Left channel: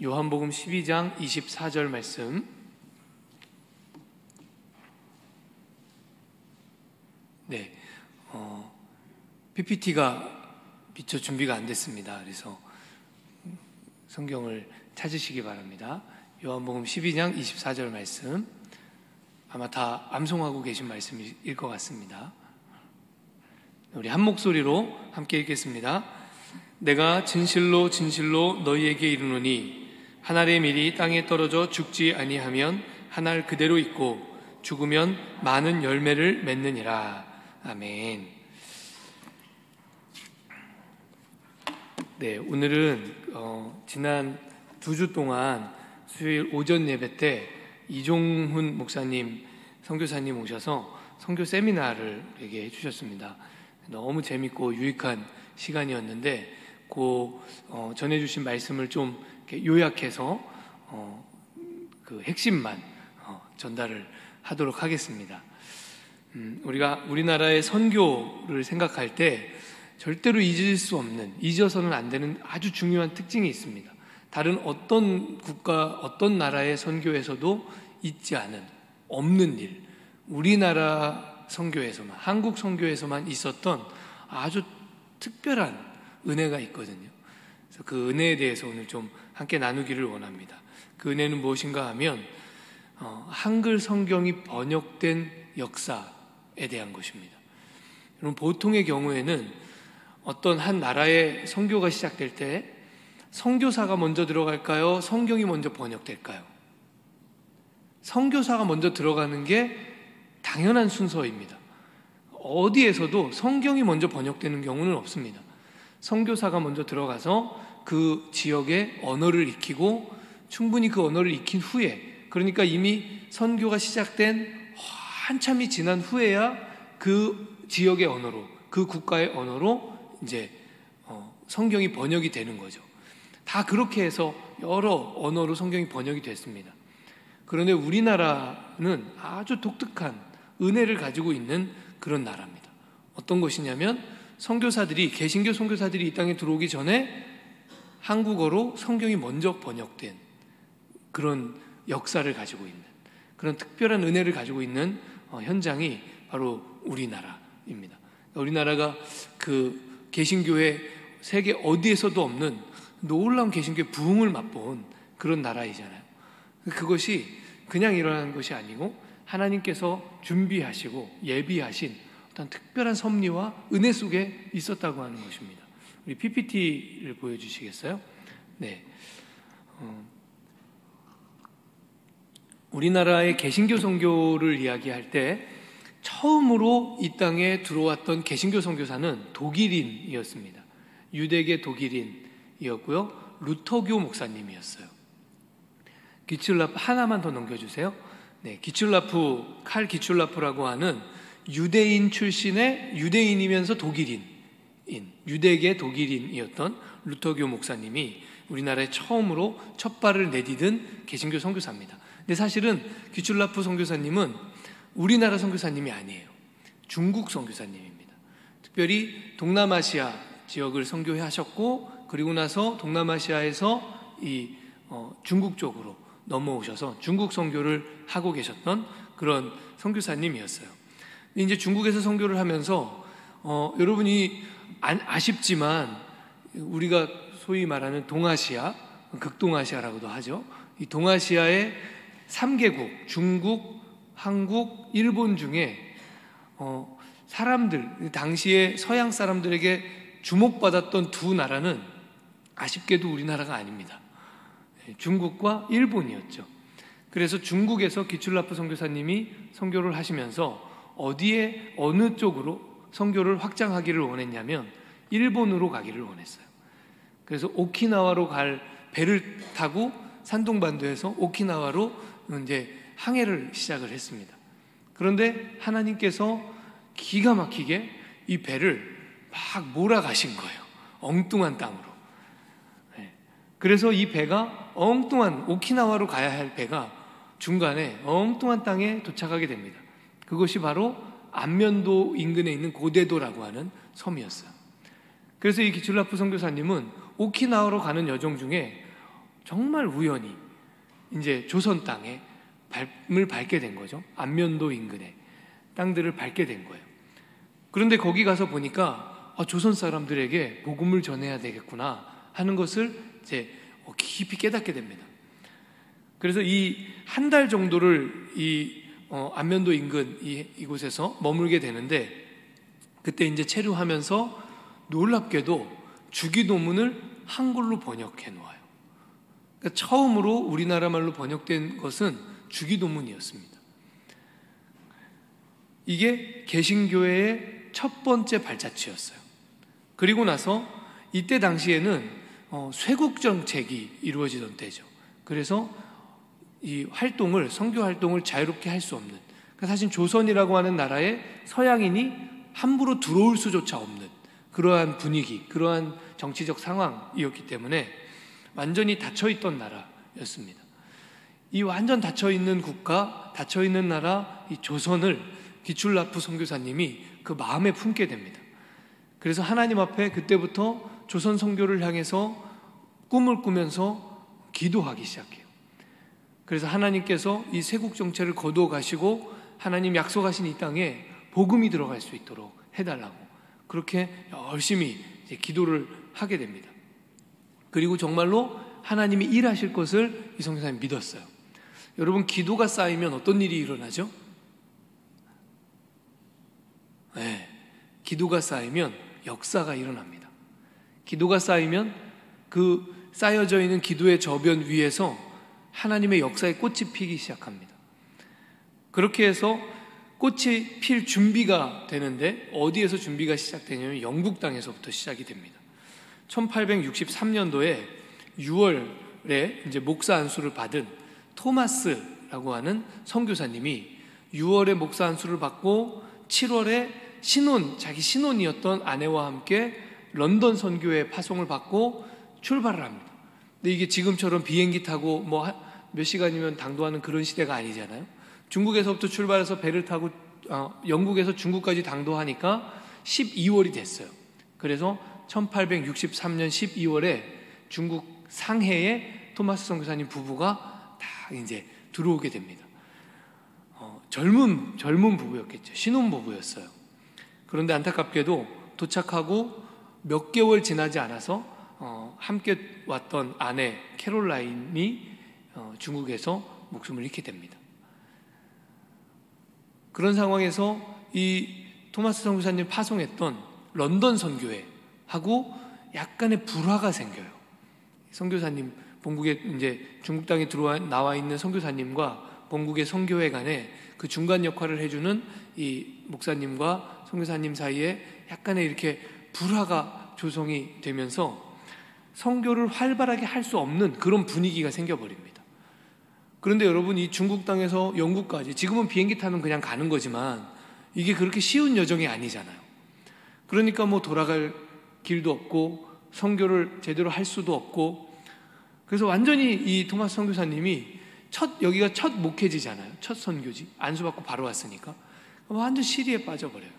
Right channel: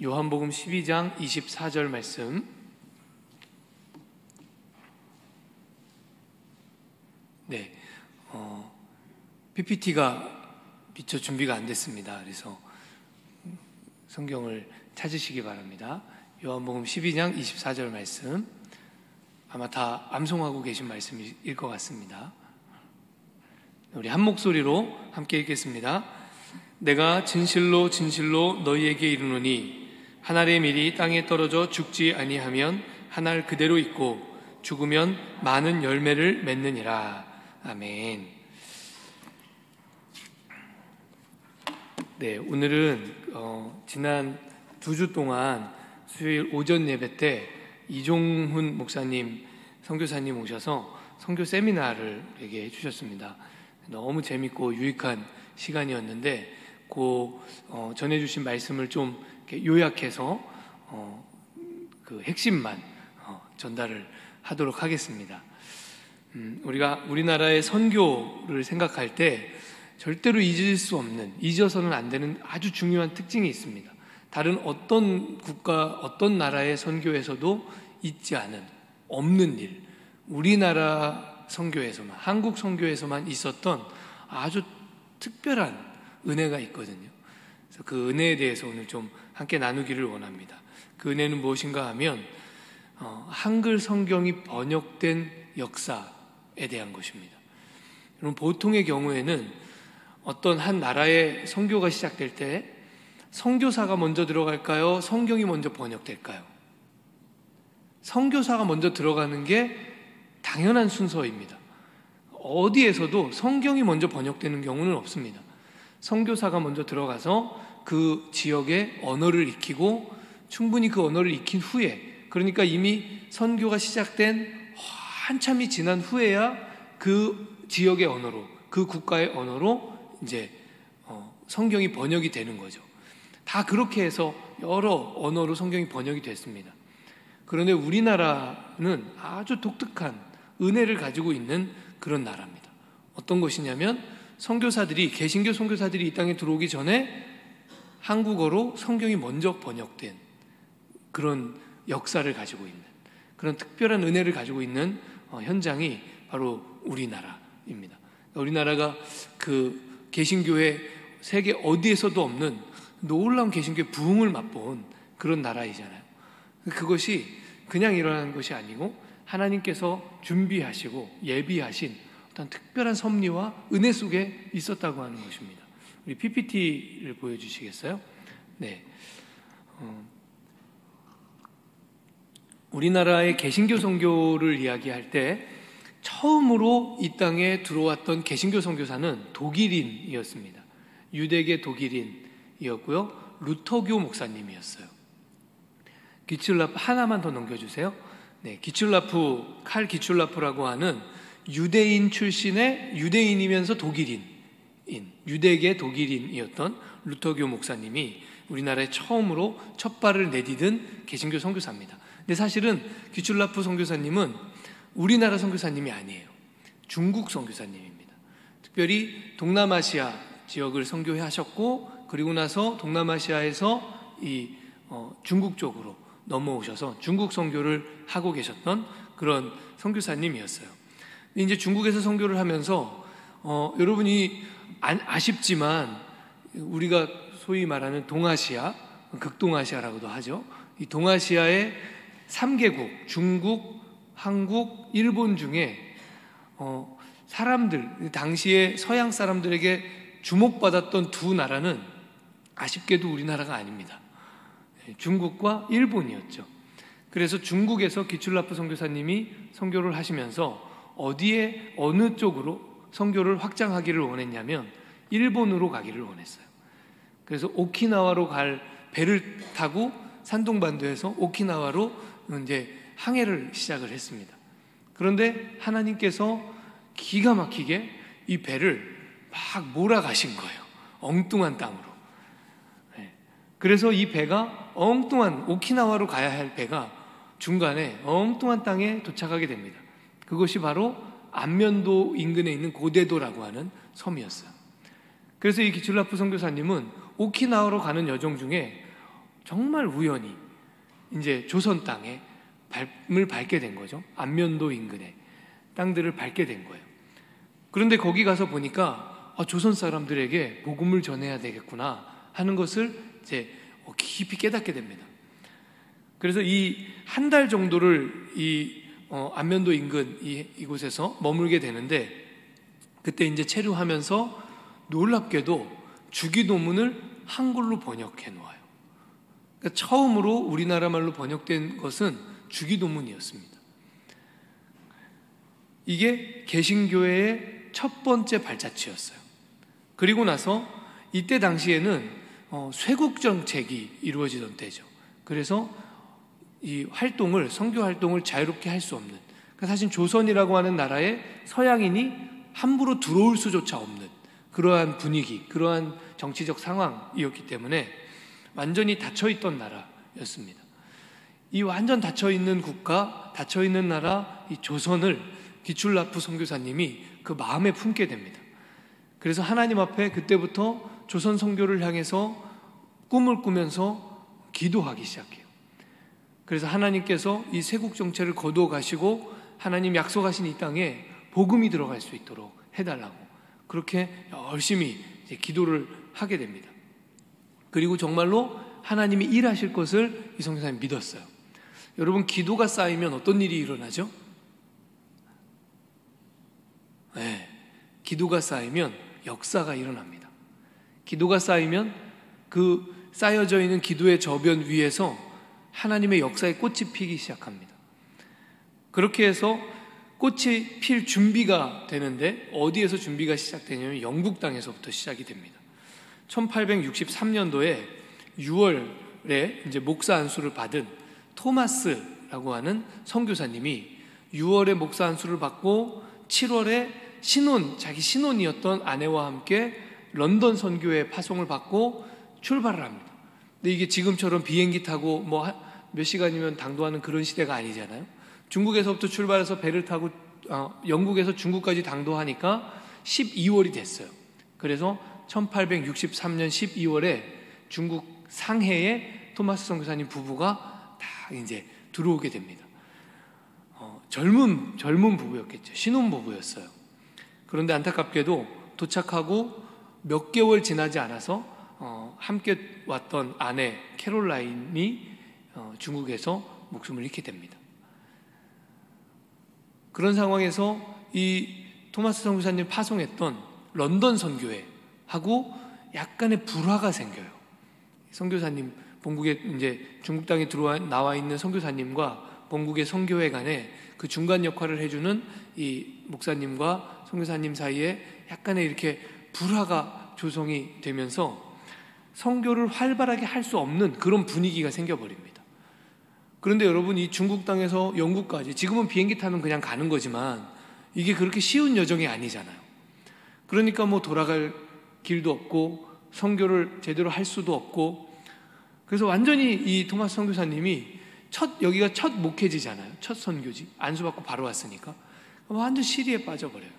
요한복음 12장 24절 말씀. 네, PPT가 미처 준비가 안 됐습니다. 그래서 성경을 찾으시기 바랍니다. 요한복음 12장 24절 말씀, 아마 다 암송하고 계신 말씀일 것 같습니다. 우리 한 목소리로 함께 읽겠습니다. 내가 진실로 진실로 너희에게 이르노니 한 알의 밀이 땅에 떨어져 죽지 아니하면 한 알 그대로 있고 죽으면 많은 열매를 맺느니라. 아멘. 네, 오늘은 지난 2주 동안 수요일 오전 예배 때 이종훈 목사님, 선교사님 오셔서 선교 세미나를 이렇게 해주셨습니다. 너무 재밌고 유익한 시간이었는데 전해주신 말씀을 좀 이렇게 요약해서 그 핵심만 전달을 하도록 하겠습니다. 우리가 우리나라의 선교를 생각할 때 절대로 잊을 수 없는, 잊어서는 안 되는 아주 중요한 특징이 있습니다. 다른 어떤 국가, 어떤 나라의 선교에서도 있지 않은, 없는 일, 우리나라 선교에서만, 한국 선교에서만 있었던 아주 특별한 은혜가 있거든요. 그래서 그 은혜에 대해서 오늘 좀 함께 나누기를 원합니다. 그 은혜는 무엇인가 하면 한글 성경이 번역된 역사에 대한 것입니다. 여러분, 보통의 경우에는 어떤 한 나라의 선교가 시작될 때 선교사가 먼저 들어갈까요? 성경이 먼저 번역될까요? 선교사가 먼저 들어가는 게 당연한 순서입니다. 어디에서도 성경이 먼저 번역되는 경우는 없습니다. 선교사가 먼저 들어가서 그 지역의 언어를 익히고 충분히 그 언어를 익힌 후에, 그러니까 이미 선교가 시작된 한참이 지난 후에야 그 지역의 언어로, 그 국가의 언어로 이제 성경이 번역이 되는 거죠. 다 그렇게 해서 여러 언어로 성경이 번역이 됐습니다. 그런데 우리나라는 아주 독특한 은혜를 가지고 있는 그런 나라입니다. 어떤 것이냐면 선교사들이, 개신교 선교사들이 이 땅에 들어오기 전에 한국어로 성경이 먼저 번역된 그런 역사를 가지고 있는, 그런 특별한 은혜를 가지고 있는 현장이 바로 우리나라입니다. 우리나라가 그 개신교의 세계 어디에서도 없는 놀라운 개신교의 부흥을 맛본 그런 나라이잖아요. 그것이 그냥 일어나는 것이 아니고 하나님께서 준비하시고 예비하신 어떤 특별한 섭리와 은혜 속에 있었다고 하는 것입니다. 우리 PPT를 보여주시겠어요? 네. 우리나라의 개신교 선교를 이야기할 때 처음으로 이 땅에 들어왔던 개신교 선교사는 독일인이었습니다. 유대계 독일인이었고요. 루터교 목사님이었어요. 기출라프 하나만 더 넘겨주세요. 네, 칼 기출라프라고 하는 유대인 출신의, 유대인이면서 독일인, 유대계 독일인이었던 루터교 목사님이 우리나라에 처음으로 첫 발을 내디딘 개신교 선교사입니다. 근데 사실은 기출라프 선교사님은 우리나라 선교사님이 아니에요. 중국 선교사님입니다. 특별히 동남아시아 지역을 선교하셨고, 그리고 나서 동남아시아에서 중국 쪽으로 넘어오셔서 중국 선교를 하고 계셨던 그런 선교사님이었어요. 이제 중국에서 선교를 하면서 여러분이 아쉽지만 우리가 소위 말하는 동아시아, 극동아시아라고도 하죠. 이 동아시아의 3개국, 중국, 한국, 일본 중에 사람들, 당시에 서양 사람들에게 주목받았던 두 나라는 아쉽게도 우리나라가 아닙니다. 중국과 일본이었죠. 그래서 중국에서 기출라프 선교사님이 선교를 하시면서 어디에, 어느 쪽으로 선교를 확장하기를 원했냐면 일본으로 가기를 원했어요. 그래서 오키나와로 갈 배를 타고 산동반도에서 오키나와로 이제 항해를 시작을 했습니다. 그런데 하나님께서 기가 막히게 이 배를 막 몰아가신 거예요. 엉뚱한 땅으로. 그래서 이 배가 엉뚱한, 오키나와로 가야 할 배가 중간에 엉뚱한 땅에 도착하게 됩니다. 그것이 바로 안면도 인근에 있는 고대도라고 하는 섬이었어요. 그래서 이 기출라프 선교사님은 오키나와로 가는 여정 중에 정말 우연히 이제 조선 땅에 밟을 밟게 된 거죠. 안면도 인근의 땅들을 밟게 된 거예요. 그런데 거기 가서 보니까 조선 사람들에게 복음을 전해야 되겠구나 하는 것을 이제 깊이 깨닫게 됩니다. 그래서 이 한 달 정도를 이 안면도 인근 이곳에서 머물게 되는데, 그때 이제 체류하면서 놀랍게도 주기도문을 한글로 번역해 놓아요. 그러니까 처음으로 우리나라 말로 번역된 것은 주기도문이었습니다. 이게 개신교회의 첫 번째 발자취였어요. 그리고 나서 이때 당시에는 쇄국 정책이 이루어지던 때죠. 그래서 이 활동을, 선교 활동을 자유롭게 할 수 없는, 그러니까 사실 조선이라고 하는 나라에 서양인이 함부로 들어올 수조차 없는 그러한 분위기, 그러한 정치적 상황이었기 때문에 완전히 닫혀있던 나라였습니다. 이 완전 닫혀있는 국가, 닫혀있는 나라, 이 조선을 기출라프 선교사님이 그 마음에 품게 됩니다. 그래서 하나님 앞에 그때부터 조선 선교를 향해서 꿈을 꾸면서 기도하기 시작해요. 그래서 하나님께서 이 쇄국 정체를 거두어 가시고 하나님 약속하신 이 땅에 복음이 들어갈 수 있도록 해달라고 그렇게 열심히 기도를 하게 됩니다. 그리고 정말로 하나님이 일하실 것을 이 선교사님 믿었어요. 여러분, 기도가 쌓이면 어떤 일이 일어나죠? 네, 기도가 쌓이면 역사가 일어납니다. 기도가 쌓이면 그 쌓여져 있는 기도의 저변 위에서 하나님의 역사의 꽃이 피기 시작합니다. 그렇게 해서 꽃이 필 준비가 되는데, 어디에서 준비가 시작되냐면 영국 땅에서부터 시작이 됩니다. 1863년도에 6월에 이제 목사 안수를 받은 토마스라고 하는 선교사님이 6월에 목사 안수를 받고 7월에 자기 신혼이었던 아내와 함께 런던 선교회 파송을 받고 출발을 합니다. 근데 이게 지금처럼 비행기 타고 몇 시간이면 당도하는 그런 시대가 아니잖아요. 중국에서부터 출발해서 배를 타고 영국에서 중국까지 당도하니까 12월이 됐어요. 그래서 1863년 12월에 중국 상해에 토마스 선교사님 부부가 다 이제 들어오게 됩니다. 젊은 부부였겠죠. 신혼부부였어요. 그런데 안타깝게도 도착하고 몇 개월 지나지 않아서 함께 왔던 아내 캐롤라인이 중국에서 목숨을 잃게 됩니다. 그런 상황에서 이 토마스 선교사님 파송했던 런던 선교회하고 약간의 불화가 생겨요. 선교사님, 본국에 이제 중국 땅에 나와 있는 선교사님과 본국의 선교회 간에 그 중간 역할을 해주는 이 목사님과 선교사님 사이에 약간의 이렇게 불화가 조성이 되면서 선교를 활발하게 할 수 없는 그런 분위기가 생겨버립니다. 그런데 여러분, 이 중국 땅에서 영국까지, 지금은 비행기 타면 그냥 가는 거지만 이게 그렇게 쉬운 여정이 아니잖아요. 그러니까 돌아갈 길도 없고 선교를 제대로 할 수도 없고, 그래서 완전히 이 토마스 선교사님이 여기가 첫 목회지잖아요. 첫 선교지. 안수받고 바로 왔으니까 완전 시리에 빠져버려요.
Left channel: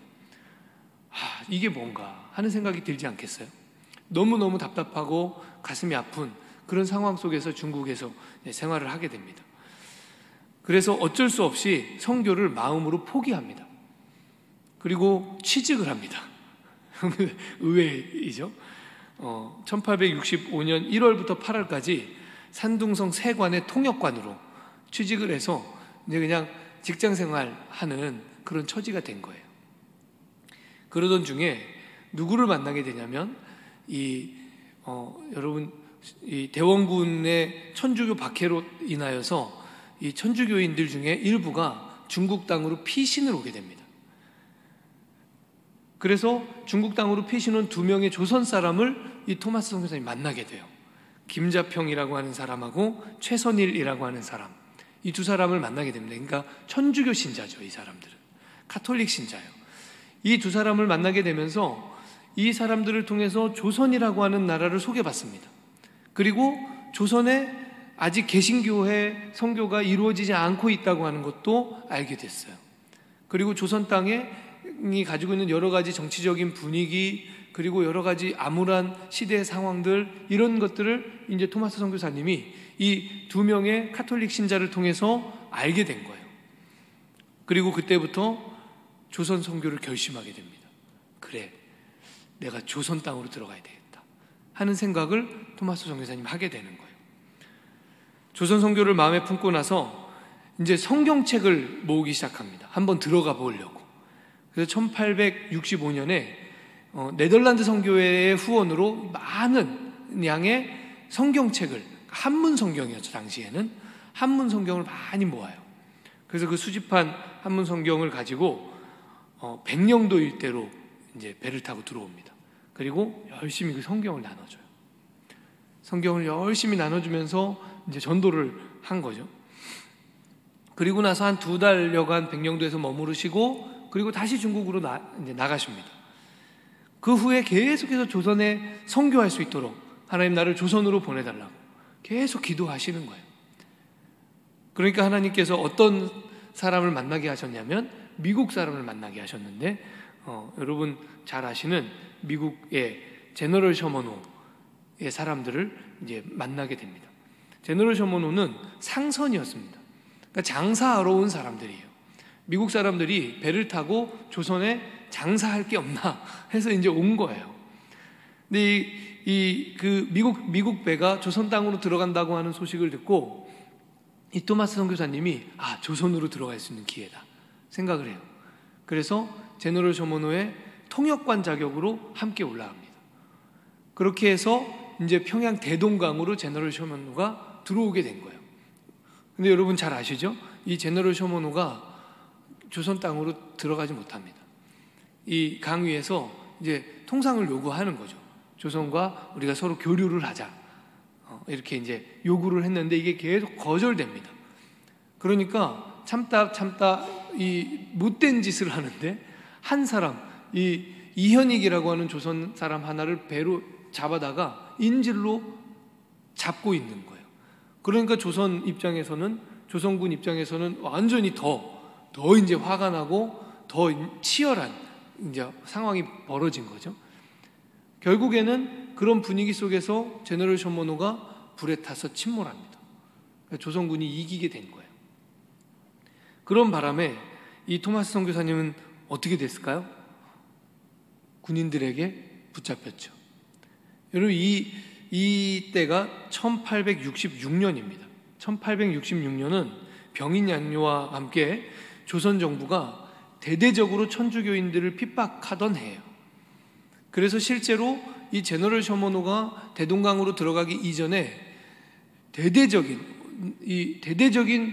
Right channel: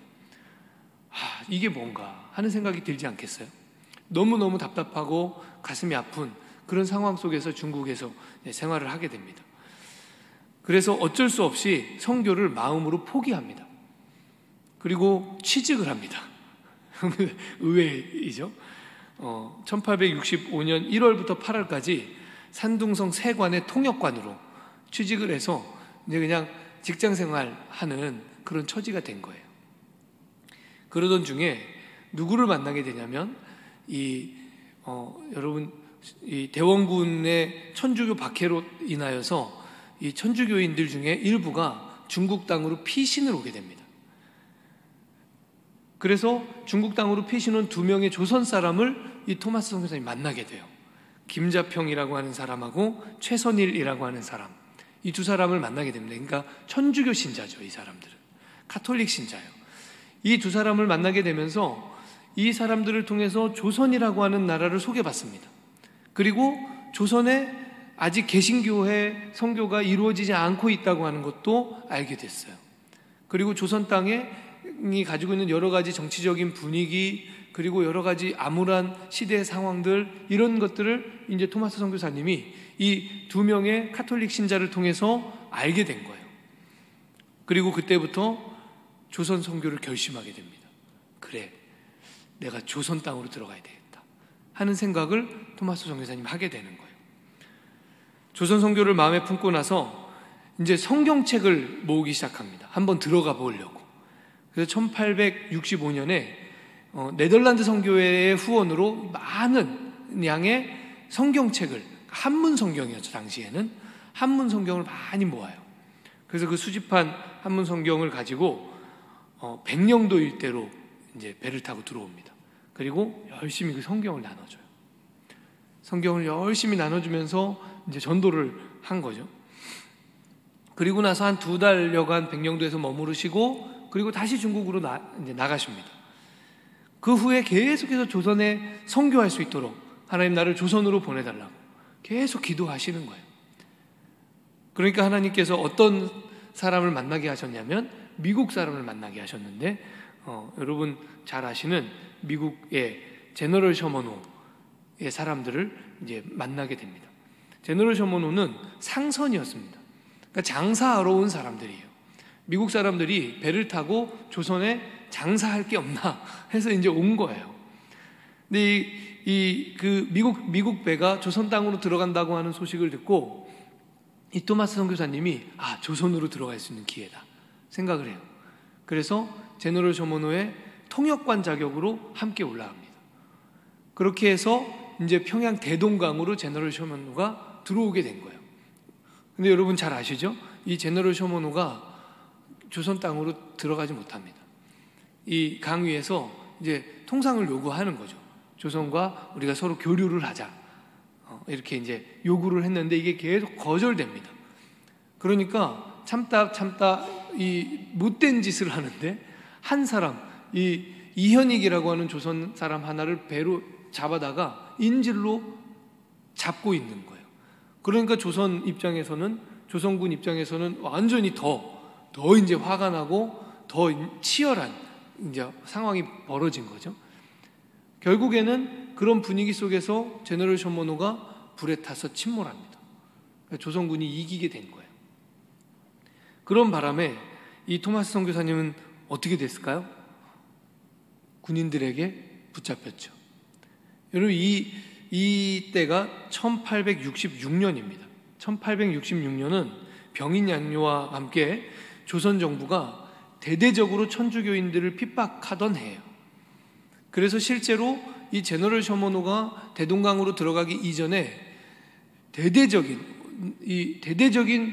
이게 뭔가 하는 생각이 들지 않겠어요? 너무너무 답답하고 가슴이 아픈 그런 상황 속에서 중국에서 생활을 하게 됩니다. 그래서 어쩔 수 없이 선교를 마음으로 포기합니다. 그리고 취직을 합니다. 의외이죠. 1865년 1월부터 8월까지 산둥성 세관의 통역관으로 취직을 해서 이제 그냥 직장 생활하는 그런 처지가 된 거예요. 그러던 중에 누구를 만나게 되냐면 여러분, 이 대원군의 천주교 박해로 인하여서 이 천주교인들 중에 일부가 중국 땅으로 피신을 오게 됩니다. 그래서 중국 땅으로 피신 온 2명의 조선 사람을 이 토마스 선교사님이 만나게 돼요. 김자평이라고 하는 사람하고 최선일이라고 하는 사람, 이 두 사람을 만나게 됩니다. 그러니까 천주교 신자죠. 이 사람들은 카톨릭 신자예요. 이 두 사람을 만나게 되면서 이 사람들을 통해서 조선이라고 하는 나라를 소개받습니다. 그리고 조선에 아직 개신교회 선교가 이루어지지 않고 있다고 하는 것도 알게 됐어요. 그리고 조선 땅에 가지고 있는 여러 가지 정치적인 분위기, 그리고 여러 가지 암울한 시대의 상황들, 이런 것들을 이제 토마스 선교사님이 이 두 명의 카톨릭 신자를 통해서 알게 된 거예요. 그리고 그때부터 조선 선교를 결심하게 됩니다. 그래, 내가 조선 땅으로 들어가야 되겠다 하는 생각을 토마스 선교사님 하게 되는 거예요. 조선 선교를 마음에 품고 나서 이제 성경책을 모으기 시작합니다. 한번 들어가 보려고. 그래서 1865년에 네덜란드 선교회의 후원으로 많은 양의 성경책을, 한문 성경이었죠. 당시에는 한문 성경을 많이 모아요. 그래서 그 수집한 한문 성경을 가지고 백령도 일대로 이제 배를 타고 들어옵니다. 그리고 열심히 그 성경을 나눠줘요. 성경을 열심히 나눠주면서 이제 전도를 한 거죠. 그리고 나서 한 2달여간 백령도에서 머무르시고, 그리고 다시 중국으로 이제 나가십니다. 그 후에 계속해서 조선에 선교할 수 있도록 하나님 나를 조선으로 보내달라고 계속 기도하시는 거예요. 그러니까 하나님께서 어떤 사람을 만나게 하셨냐면 미국 사람을 만나게 하셨는데, 여러분 잘 아시는 미국의 제너럴 셔먼호의 사람들을 이제 만나게 됩니다. 제너럴 셔먼호는 상선이었습니다. 그러니까 장사하러 온 사람들이에요. 미국 사람들이 배를 타고 조선에 장사할 게 없나 해서 이제 온 거예요. 근데 그 미국 배가 조선 땅으로 들어간다고 하는 소식을 듣고 이 토마스 선교사님이 조선으로 들어갈 수 있는 기회다 생각을 해요. 그래서 제너럴 셔먼호의 통역관 자격으로 함께 올라갑니다. 그렇게 해서 이제 평양 대동강으로 제너럴 셔먼호가 들어오게 된 거예요. 근데 여러분 잘 아시죠? 이 제너럴 셔먼호가 조선 땅으로 들어가지 못합니다. 이 강 위에서 이제 통상을 요구하는 거죠. 조선과 우리가 서로 교류를 하자. 이렇게 이제 요구를 했는데 이게 계속 거절됩니다. 그러니까 참다 이 못된 짓을 하는데 한 사람, 이 이현익이라고 하는 조선 사람 하나를 배로 잡아다가 인질로 잡고 있는 거예요. 그러니까 조선군 입장에서는 완전히 더 이제 화가 나고 더 치열한 이제 상황이 벌어진 거죠. 결국에는 그런 분위기 속에서 제너럴 셔먼호가 불에 타서 침몰합니다. 그러니까 조선군이 이기게 된 거예요. 그런 바람에 이 토마스 선교사님은 어떻게 됐을까요? 군인들에게 붙잡혔죠. 여러분 이 때가 1866년입니다. 1866년은 병인 양요와 함께 조선 정부가 대대적으로 천주교인들을 핍박하던 해예요. 그래서 실제로 이 제너럴 셔먼호가 대동강으로 들어가기 이전에 대대적인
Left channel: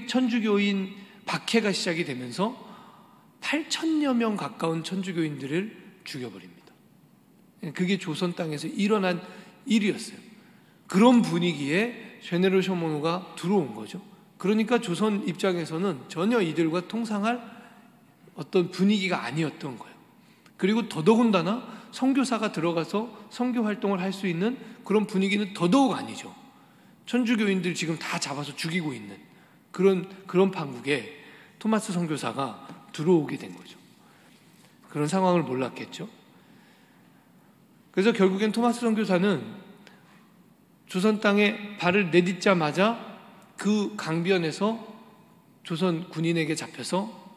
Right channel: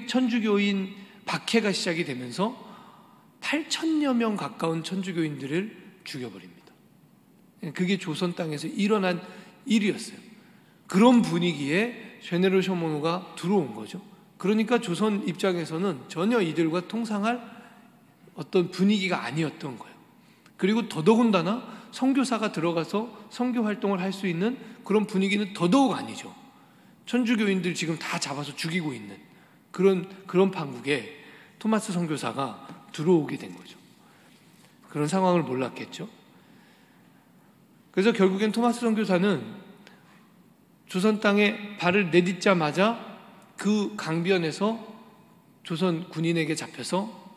천주교인 박해가 시작이 되면서 8,000여 명 가까운 천주교인들을 죽여버립니다. 그게 조선 땅에서 일어난 일이었어요. 그런 분위기에 제너럴 셔먼호가 들어온 거죠. 그러니까 조선 입장에서는 전혀 이들과 통상할 어떤 분위기가 아니었던 거예요. 그리고 더더군다나 선교사가 들어가서 선교 활동을 할 수 있는 그런 분위기는 더더욱 아니죠. 천주교인들 지금 다 잡아서 죽이고 있는 그런 판국에 토마스 선교사가 들어오게 된 거죠. 그런 상황을 몰랐겠죠. 그래서 결국엔 토마스 선교사는 조선 땅에 발을 내딛자마자 그 강변에서 조선 군인에게 잡혀서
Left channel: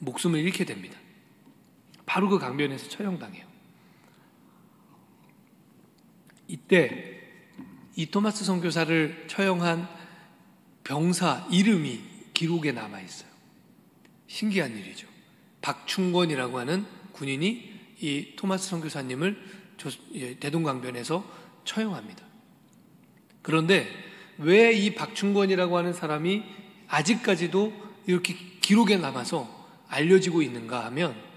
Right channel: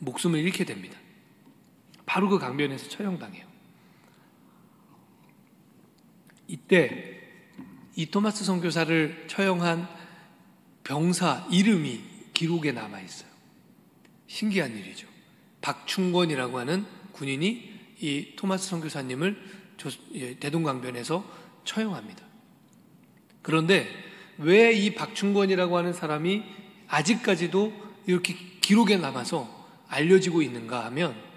목숨을 잃게 됩니다. 바로 그 강변에서 처형당해요. 이때 이 토마스 선교사를 처형한 병사 이름이 기록에 남아있어요. 신기한 일이죠. 박충권이라고 하는 군인이 이 토마스 선교사님을 대동강변에서 처형합니다. 그런데 왜 이 박충권이라고 하는 사람이 아직까지도 이렇게 기록에 남아서 알려지고 있는가 하면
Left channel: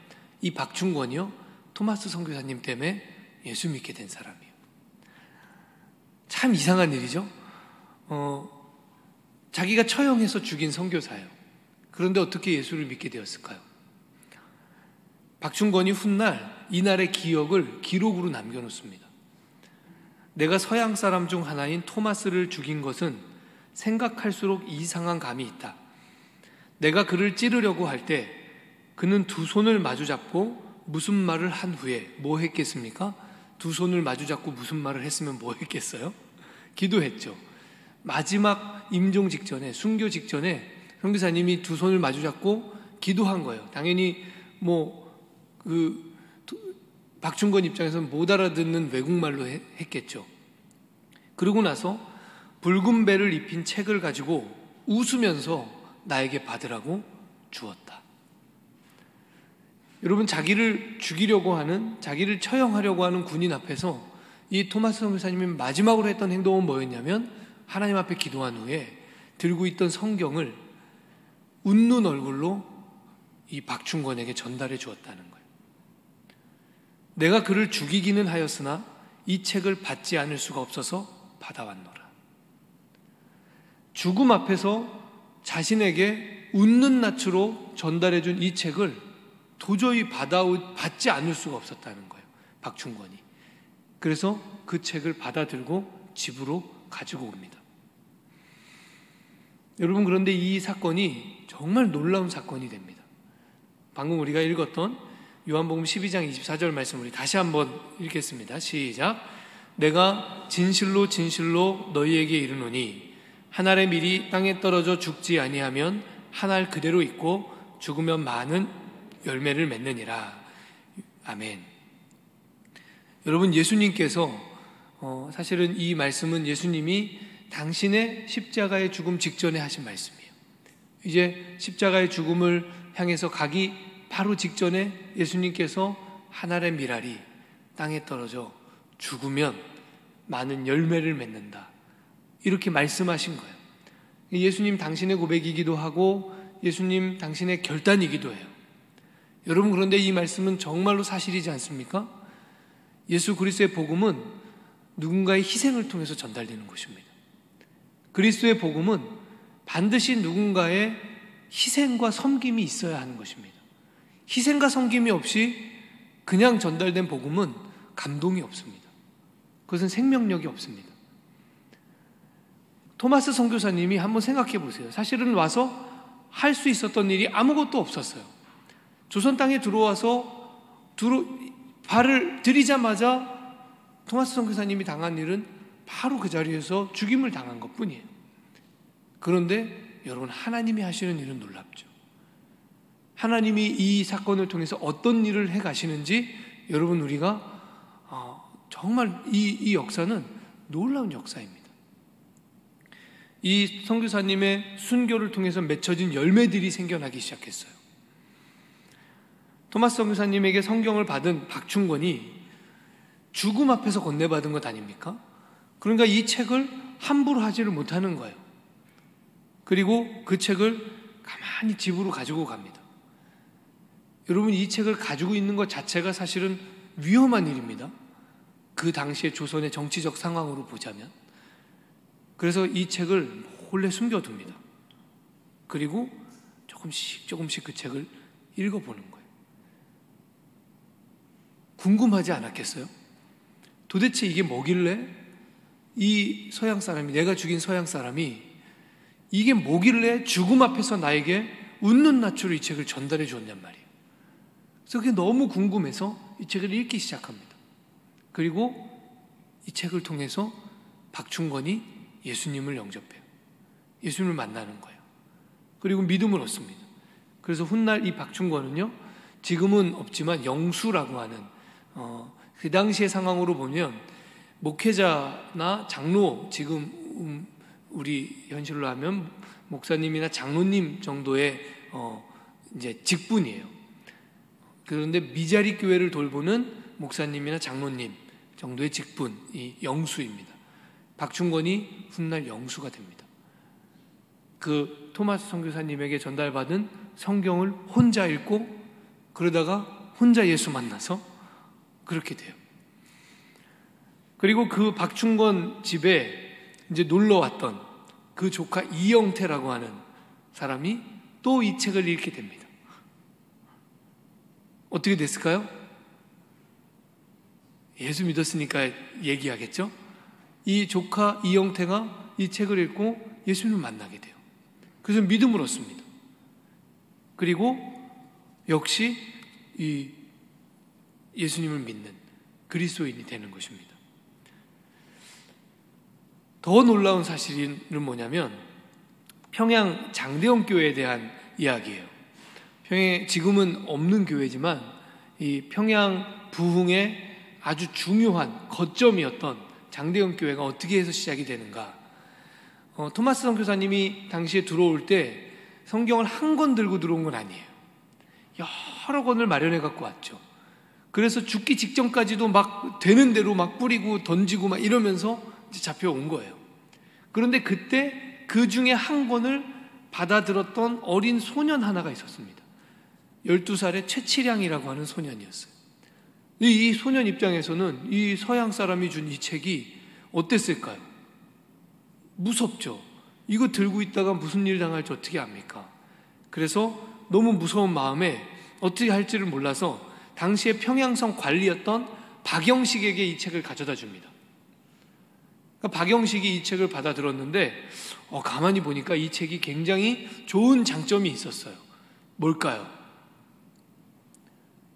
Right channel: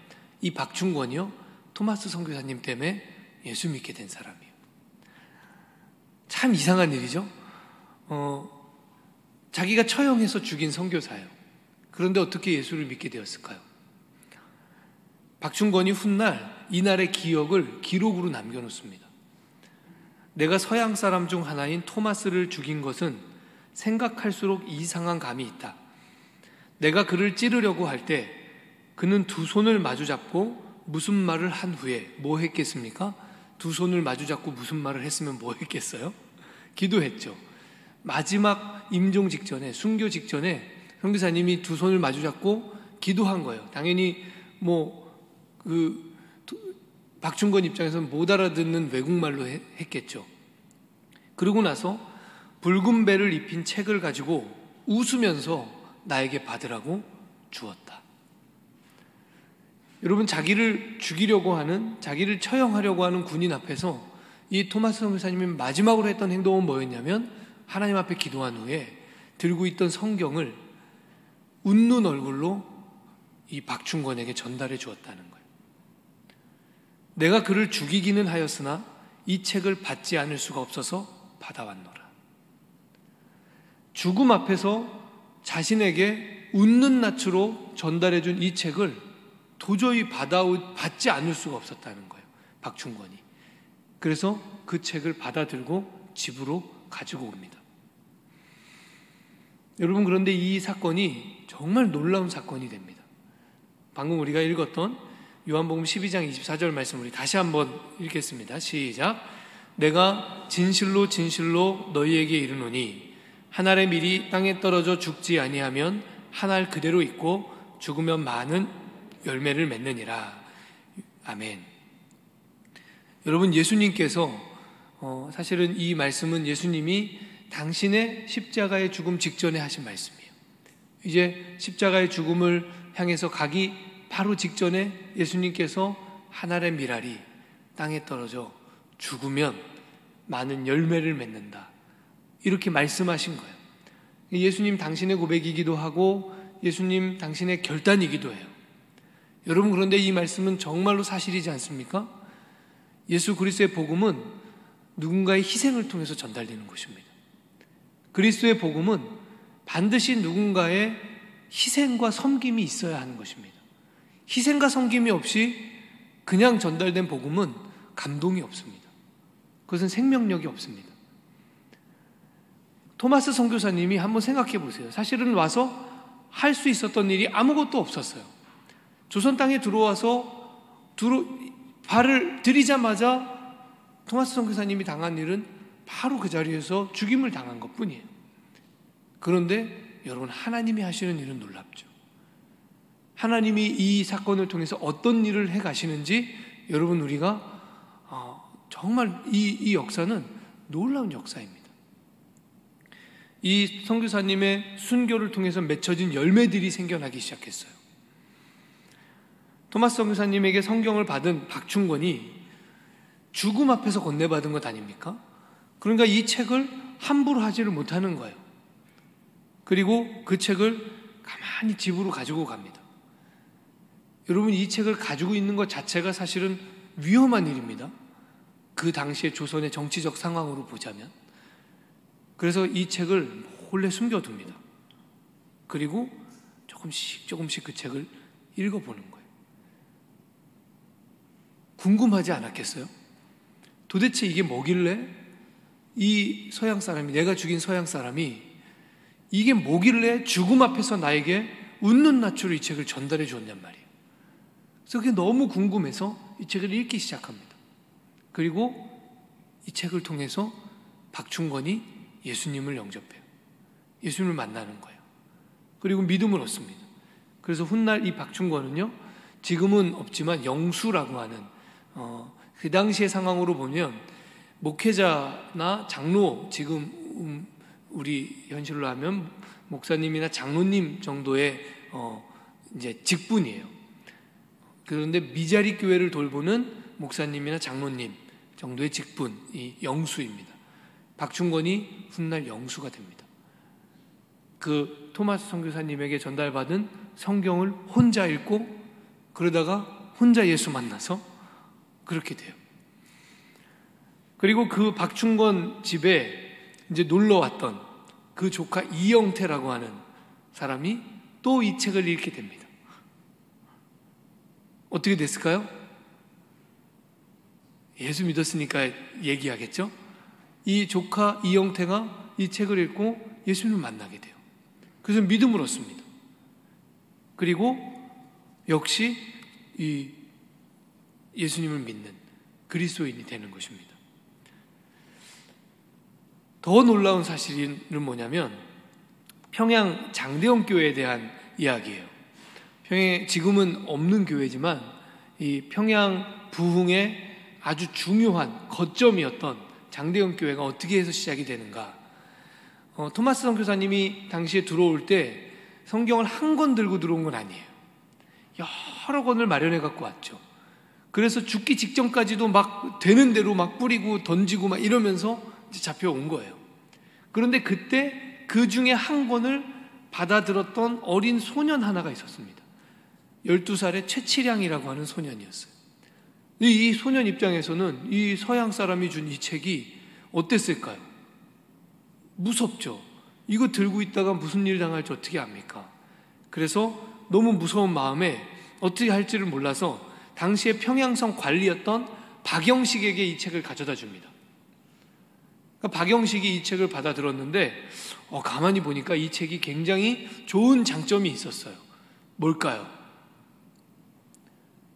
이 박충권이요, 토마스 선교사님 때문에 예수 믿게 된 사람이에요. 참 이상한 일이죠. 자기가 처형해서 죽인 선교사예요. 그런데 어떻게 예수를 믿게 되었을까요? 박충권이 훗날 이날의 기억을 기록으로 남겨놓습니다. 내가 서양 사람 중 하나인 토마스를 죽인 것은 생각할수록 이상한 감이 있다. 내가 그를 찌르려고 할 때 그는 두 손을 마주 잡고 무슨 말을 한 후에 뭐 했겠습니까? 두 손을 마주 잡고 무슨 말을 했으면 뭐 했겠어요? 기도했죠. 마지막 임종 직전에, 순교 직전에 선교사님이 두 손을 마주 잡고 기도한 거예요. 당연히 박충건 입장에서는 못 알아듣는 외국말로 했겠죠. 그러고 나서 붉은 배를 입힌 책을 가지고 웃으면서 나에게 받으라고 주었다. 여러분, 자기를 죽이려고 하는, 자기를 처형하려고 하는 군인 앞에서 이 토마스 선교사님이 마지막으로 했던 행동은 뭐였냐면 하나님 앞에 기도한 후에 들고 있던 성경을 웃는 얼굴로 이 박충건에게 전달해 주었다는 거예요. 내가 그를 죽이기는 하였으나 이 책을 받지 않을 수가 없어서 받아왔노라. 죽음 앞에서 자신에게 웃는 낯으로 전달해 준 이 책을 도저히 받지 않을 수가 없었다는 거예요, 박충건이. 그래서 그 책을 받아들고 집으로 가지고 옵니다. 여러분, 그런데 이 사건이 정말 놀라운 사건이 됩니다. 방금 우리가 읽었던 요한복음 12장 24절 말씀 우리 다시 한번 읽겠습니다. 시작. 내가 진실로 진실로 너희에게 이르노니 한 알의 밀이 땅에 떨어져 죽지 아니하면 한 알 그대로 있고 죽으면 많은 열매를 맺느니라. 아멘. 여러분, 예수님께서 사실은 이 말씀은 예수님이 당신의 십자가의 죽음 직전에 하신 말씀이에요. 이제 십자가의 죽음을 향해서 가기 바로 직전에 예수님께서 한 알의 밀알이 땅에 떨어져 죽으면 많은 열매를 맺는다, 이렇게 말씀하신 거예요. 예수님 당신의 고백이기도 하고 예수님 당신의 결단이기도 해요. 여러분, 그런데 이 말씀은 정말로 사실이지 않습니까? 예수 그리스도의 복음은 누군가의 희생을 통해서 전달되는 것입니다. 그리스도의 복음은 반드시 누군가의 희생과 섬김이 있어야 하는 것입니다. 희생과 섬김이 없이 그냥 전달된 복음은 감동이 없습니다. 그것은 생명력이 없습니다. 토마스 선교사님이 한번 생각해 보세요. 사실은 와서 할 수 있었던 일이 아무것도 없었어요. 조선 땅에 들어와서 발을 들이자마자 토마스 선교사님이 당한 일은 바로 그 자리에서 죽임을 당한 것뿐이에요. 그런데 여러분, 하나님이 하시는 일은 놀랍죠. 하나님이 이 사건을 통해서 어떤 일을 해 가시는지 여러분, 우리가 정말 이 역사는 놀라운 역사입니다. 이 선교사님의 순교를 통해서 맺혀진 열매들이 생겨나기 시작했어요. 토마스 선교사님에게 성경을 받은 박충건이 죽음 앞에서 건네받은 것 아닙니까? 그러니까 이 책을 함부로 하지를 못하는 거예요. 그리고 그 책을 가만히 집으로 가지고 갑니다. 여러분, 이 책을 가지고 있는 것 자체가 사실은 위험한 일입니다. 그 당시의 조선의 정치적 상황으로 보자면. 그래서 이 책을 몰래 숨겨둡니다. 그리고 조금씩 그 책을 읽어보는 거예요. 궁금하지 않았겠어요? 도대체 이게 뭐길래 이 서양 사람이, 내가 죽인 서양 사람이 이게 뭐길래 죽음 앞에서 나에게 웃는 낯으로 이 책을 전달해 주었냔 말이에요. 그래서 그게 너무 궁금해서 이 책을 읽기 시작합니다. 그리고 이 책을 통해서 박충건이 예수님을 영접해요. 예수님을 만나는 거예요. 그리고 믿음을 얻습니다. 그래서 훗날 이 박충건은요, 지금은 없지만 영수라고 하는 그 당시의 상황으로 보면 목회자나 장로, 지금 우리 현실로 하면 목사님이나 장로님 정도의 이제 직분이에요. 그런데 미자리 교회를 돌보는 목사님이나 장로님 정도의 직분이 영수입니다. 박충건이 훗날 영수가 됩니다. 그 토마스 선교사님에게 전달받은 성경을 혼자 읽고 그러다가 혼자 예수 만나서 그렇게 돼요. 그리고 그 박충건 집에 이제 놀러 왔던 그 조카 이영태라고 하는 사람이 또 이 책을 읽게 됩니다. 어떻게 됐을까요? 예수 믿었으니까 얘기하겠죠? 이 조카 이영태가 이 책을 읽고 예수님을 만나게 돼요. 그래서 믿음을 얻습니다. 그리고 역시 이 예수님을 믿는 그리스도인이 되는 것입니다. 더 놀라운 사실은 뭐냐면 평양 장대원 교회에 대한 이야기예요. 평양에 지금은 없는 교회지만 이 평양 부흥의 아주 중요한 거점이었던 장대원 교회가 어떻게 해서 시작이 되는가? 토마스 선교사님이 당시에 들어올 때 성경을 한 권 들고 들어온 건 아니에요. 여러 권을 마련해 갖고 왔죠. 그래서 죽기 직전까지도 막 되는 대로 막 뿌리고 던지고 막 이러면서 잡혀온 거예요. 그런데 그때 그 중에 한 권을 받아들었던 어린 소년 하나가 있었습니다. 12살의 최치량이라고 하는 소년이었어요. 이 소년 입장에서는 이 서양 사람이 준 이 책이 어땠을까요? 무섭죠. 이거 들고 있다가 무슨 일 당할지 어떻게 압니까? 그래서 너무 무서운 마음에 어떻게 할지를 몰라서 당시에 평양성 관리였던 박영식에게 이 책을 가져다 줍니다. 그러니까 박영식이 이 책을 받아들었는데 가만히 보니까 이 책이 굉장히 좋은 장점이 있었어요. 뭘까요?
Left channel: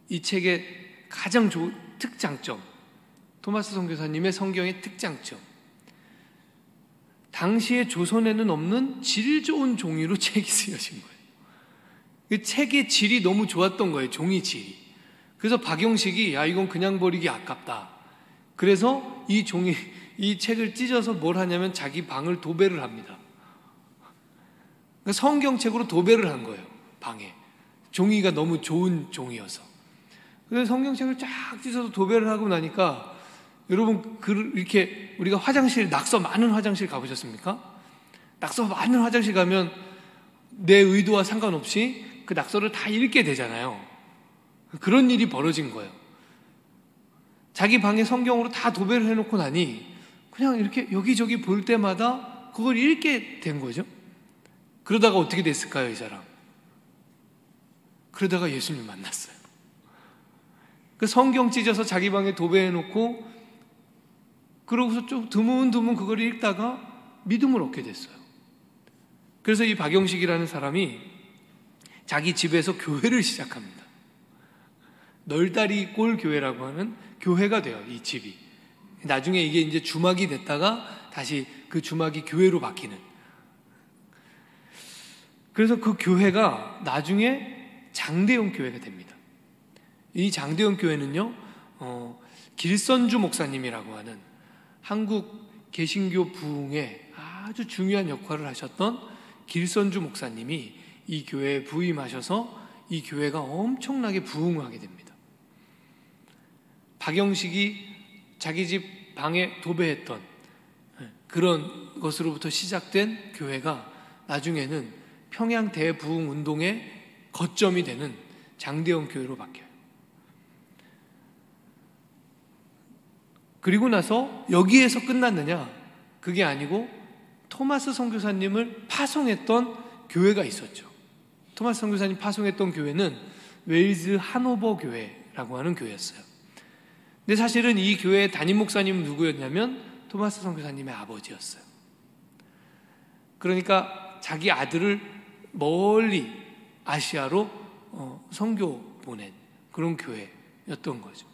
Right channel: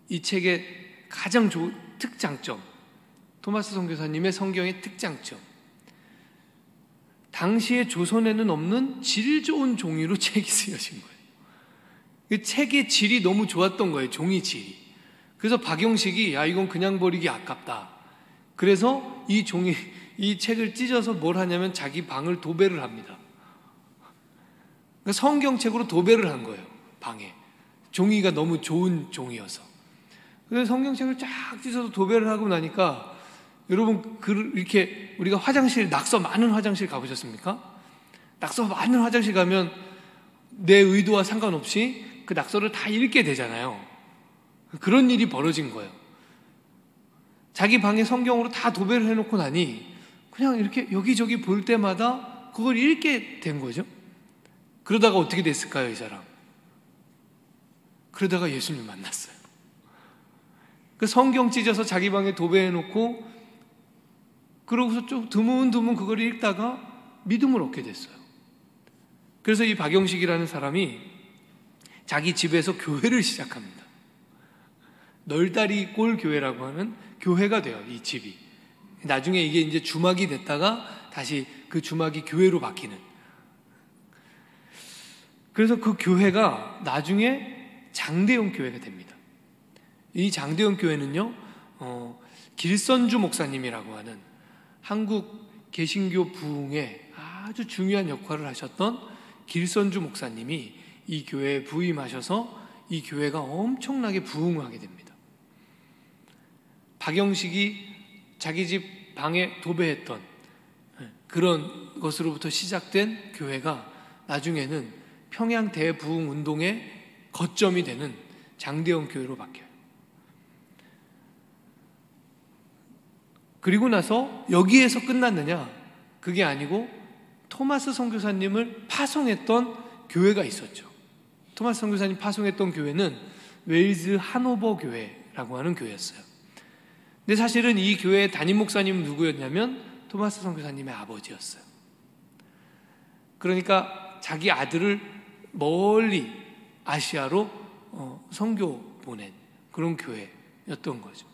이 책의 가장 좋은 특장점, 토마스 선교사님의 성경의 특장점, 당시의 조선에는 없는 질 좋은 종이로 책이 쓰여진 거예요. 이 책의 질이 너무 좋았던 거예요. 종이 질이. 그래서 박영식이 이건 그냥 버리기 아깝다. 그래서 이 책을 찢어서 뭘 하냐면 자기 방을 도배를 합니다. 그러니까 성경책으로 도배를 한 거예요. 방에. 종이가 너무 좋은 종이어서. 그래서 성경책을 쫙 찢어서 도배를 하고 나니까 여러분 이렇게 우리가 화장실, 낙서 많은 화장실 가보셨습니까? 낙서 많은 화장실 가면 내 의도와 상관없이 그 낙서를 다 읽게 되잖아요. 그런 일이 벌어진 거예요. 자기 방에 성경으로 다 도배를 해놓고 나니 그냥 이렇게 여기저기 볼 때마다 그걸 읽게 된 거죠. 그러다가 어떻게 됐을까요, 이 사람? 그러다가 예수님 만났어요. 그 성경 찢어서 자기 방에 도배해놓고 그러고서 좀 드문드문 그걸 읽다가 믿음을 얻게 됐어요. 그래서 이 박영식이라는 사람이 자기 집에서 교회를 시작합니다. 널다리 꼴 교회라고 하는 교회가 돼요, 이 집이. 나중에 이게 이제 주막이 됐다가 다시 그 주막이 교회로 바뀌는. 그래서 그 교회가 나중에 장대원 교회가 됩니다. 이 장대원 교회는요, 길선주 목사님이라고 하는 한국 개신교 부흥에 아주 중요한 역할을 하셨던 길선주 목사님이 이 교회에 부임하셔서 이 교회가 엄청나게 부흥하게 됩니다. 박영식이 자기 집 방에 도배했던 그런 것으로부터 시작된 교회가 나중에는 평양 대부흥 운동의 거점이 되는 장대원 교회로 바뀌어요. 그리고 나서 여기에서 끝났느냐? 그게 아니고 토마스 선교사님을 파송했던 교회가 있었죠. 토마스 선교사님 파송했던 교회는 웨일즈 하노버 교회라고 하는 교회였어요. 근데 사실은 이 교회의 담임 목사님은 누구였냐면 토마스 선교사님의 아버지였어요. 그러니까 자기 아들을 멀리 아시아로 선교 보낸 그런 교회였던 거죠.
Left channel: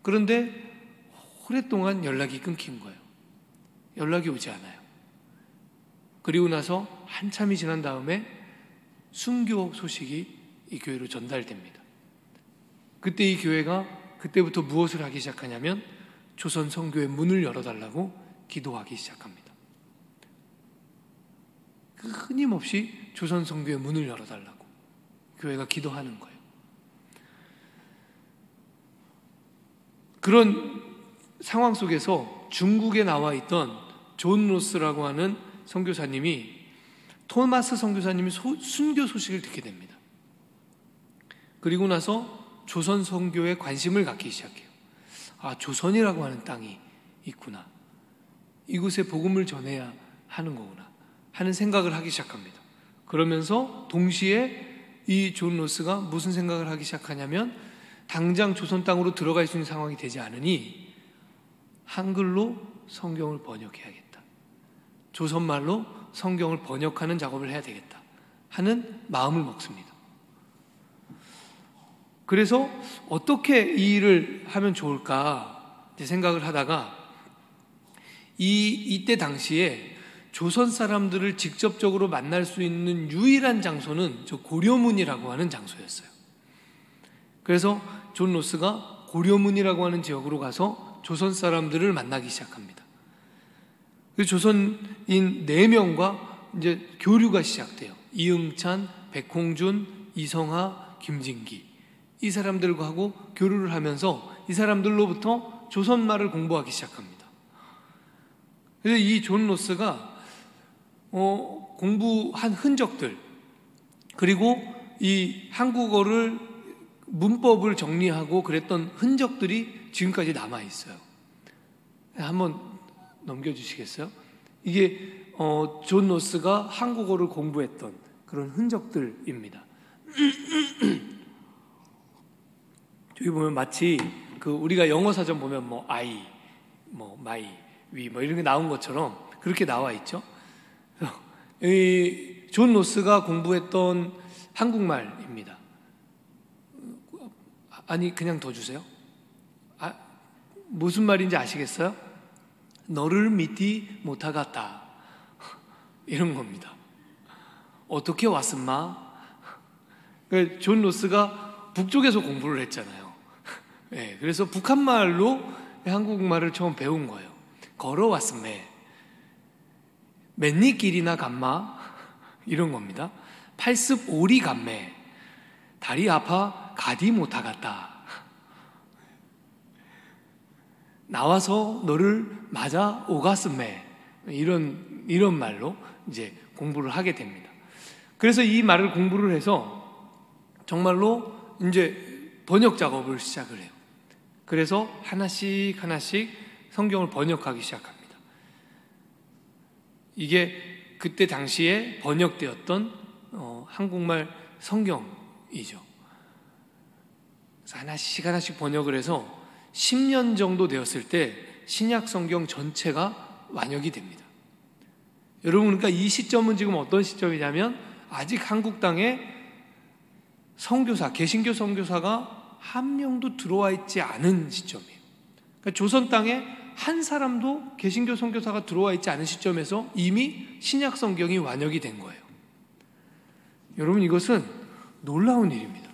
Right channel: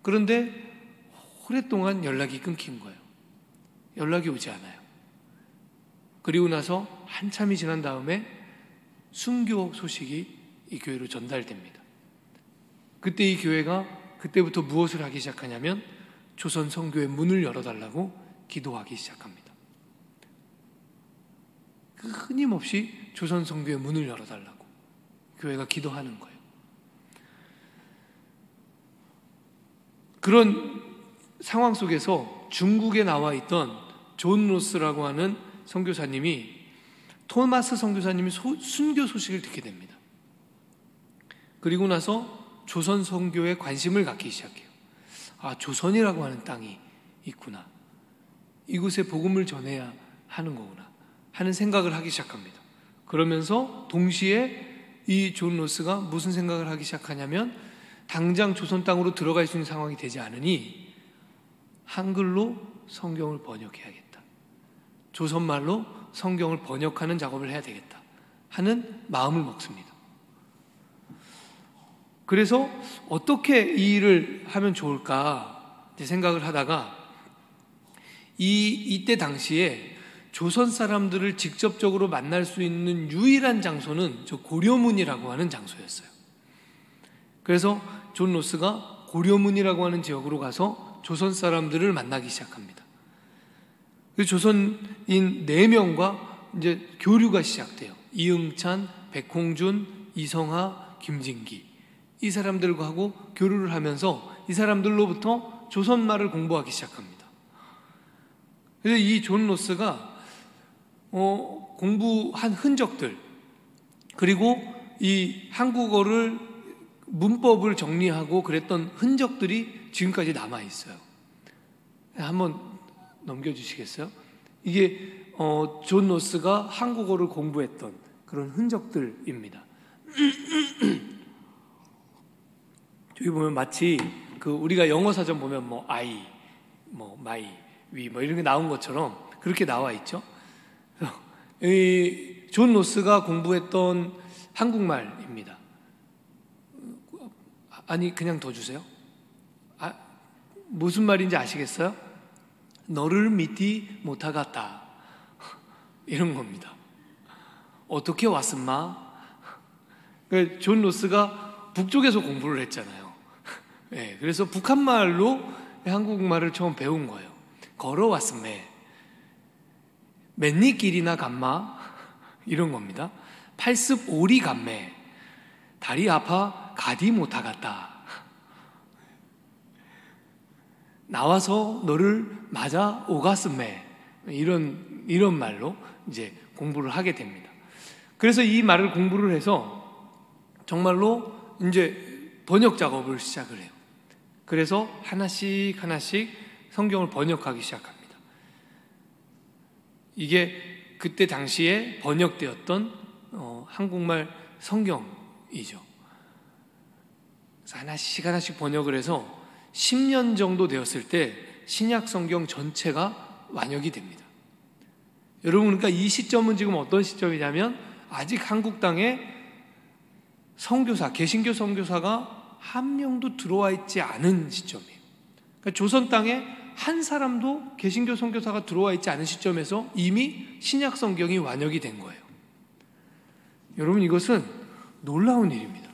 그런데 오랫동안 연락이 끊긴 거예요. 연락이 오지 않아요. 그리고 나서 한참이 지난 다음에 순교 소식이 이 교회로 전달됩니다. 그때 이 교회가 그때부터 무엇을 하기 시작하냐면 조선 선교의 문을 열어달라고 기도하기 시작합니다. 끊임없이 조선 선교의 문을 열어달라고 교회가 기도하는 거예요. 그런 상황 속에서 중국에 나와 있던 존 로스라고 하는 선교사님이 토마스 선교사님이 순교 소식을 듣게 됩니다. 그리고 나서 조선 선교에 관심을 갖기 시작해요. 조선이라고 하는 땅이 있구나. 이곳에 복음을 전해야 하는 거구나 하는 생각을 하기 시작합니다. 그러면서 동시에 이 존 로스가 무슨 생각을 하기 시작하냐면 당장 조선 땅으로 들어갈 수 있는 상황이 되지 않으니 한글로 성경을 번역해야겠다. 조선말로 성경을 번역하는 작업을 해야 되겠다 하는 마음을 먹습니다. 그래서 어떻게 이 일을 하면 좋을까 생각을 하다가 이때 당시에 조선 사람들을 직접적으로 만날 수 있는 유일한 장소는 저 고려문이라고 하는 장소였어요. 그래서 존 로스가 고려문이라고 하는 지역으로 가서 조선 사람들을 만나기 시작합니다. 조선인 4명과 이제 교류가 시작돼요. 이응찬, 백홍준, 이성하, 김진기. 이 사람들과 하고 교류를 하면서 이 사람들로부터 조선말을 공부하기 시작합니다. 그래서 이 존 로스가 공부한 흔적들, 그리고 이 한국어를 문법을 정리하고 그랬던 흔적들이 지금까지 남아 있어요. 한번 넘겨주시겠어요? 이게 존 로스가 한국어를 공부했던 그런 흔적들입니다. 여기 보면 마치 우리가 영어 사전 보면 I, my, we 이런 게 나온 것처럼 그렇게 나와 있죠. 이 존 로스가 공부했던 한국말입니다. 아니, 그냥 더 주세요. 무슨 말인지 아시겠어요? 너를 믿지 못하겠다. 이런 겁니다. 어떻게 왔음마? 존 로스가 북쪽에서 공부를 했잖아요. 네, 그래서 북한말로 한국말을 처음 배운 거예요. 걸어왔음매. 맨니 길이나 감마? 이런 겁니다. 팔습 오리 감매. 다리 아파 가디 못하겠다. 나와서 너를 맞아 오갔음매. 이런 말로 이제 공부를 하게 됩니다. 그래서 이 말을 공부를 해서 정말로 이제 번역 작업을 시작을 해요. 그래서 하나씩 성경을 번역하기 시작합니다. 이게 그때 당시에 번역되었던 한국말 성경이죠. 그래서 하나씩 번역을 해서 10년 정도 되었을 때 신약 성경 전체가 완역이 됩니다. 여러분, 그러니까 이 시점은 지금 어떤 시점이냐면 아직 한국 땅에 선교사, 개신교 선교사가 한 명도 들어와 있지 않은 시점이에요. 그러니까 조선 땅에 한 사람도 개신교 선교사가 들어와 있지 않은 시점에서 이미 신약 성경이 완역이 된 거예요. 여러분, 이것은 놀라운 일입니다.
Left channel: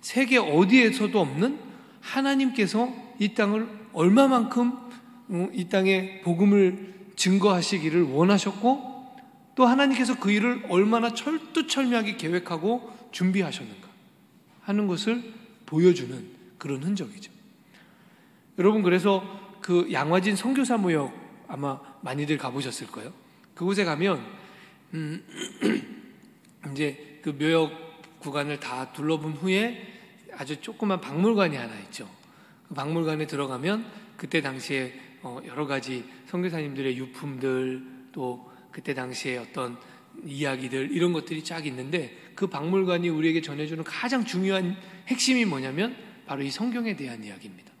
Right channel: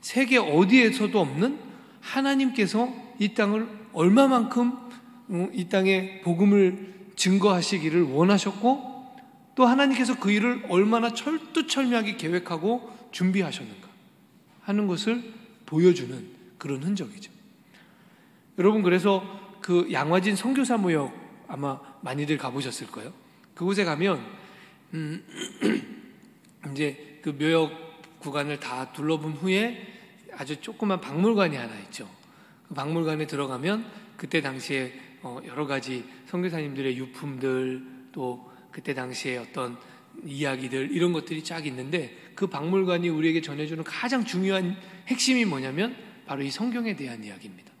세계 어디에서도 없는 하나님께서 이 땅을 얼마만큼 이 땅에 복음을 증거하시기를 원하셨고, 또 하나님께서 그 일을 얼마나 철두철미하게 계획하고 준비하셨는가 하는 것을 보여주는 그런 흔적이죠. 여러분, 그래서 그 양화진 선교사 무역 아마 많이들 가보셨을 거예요. 그곳에 가면 이제 그 묘역 구간을 다 둘러본 후에 아주 조그만 박물관이 하나 있죠. 그 박물관에 들어가면 그때 당시에 여러 가지 선교사님들의 유품들, 또 그때 당시에 어떤 이야기들, 이런 것들이 쫙 있는데, 그 박물관이 우리에게 전해주는 가장 중요한 핵심이 뭐냐면 바로 이 성경에 대한 이야기입니다.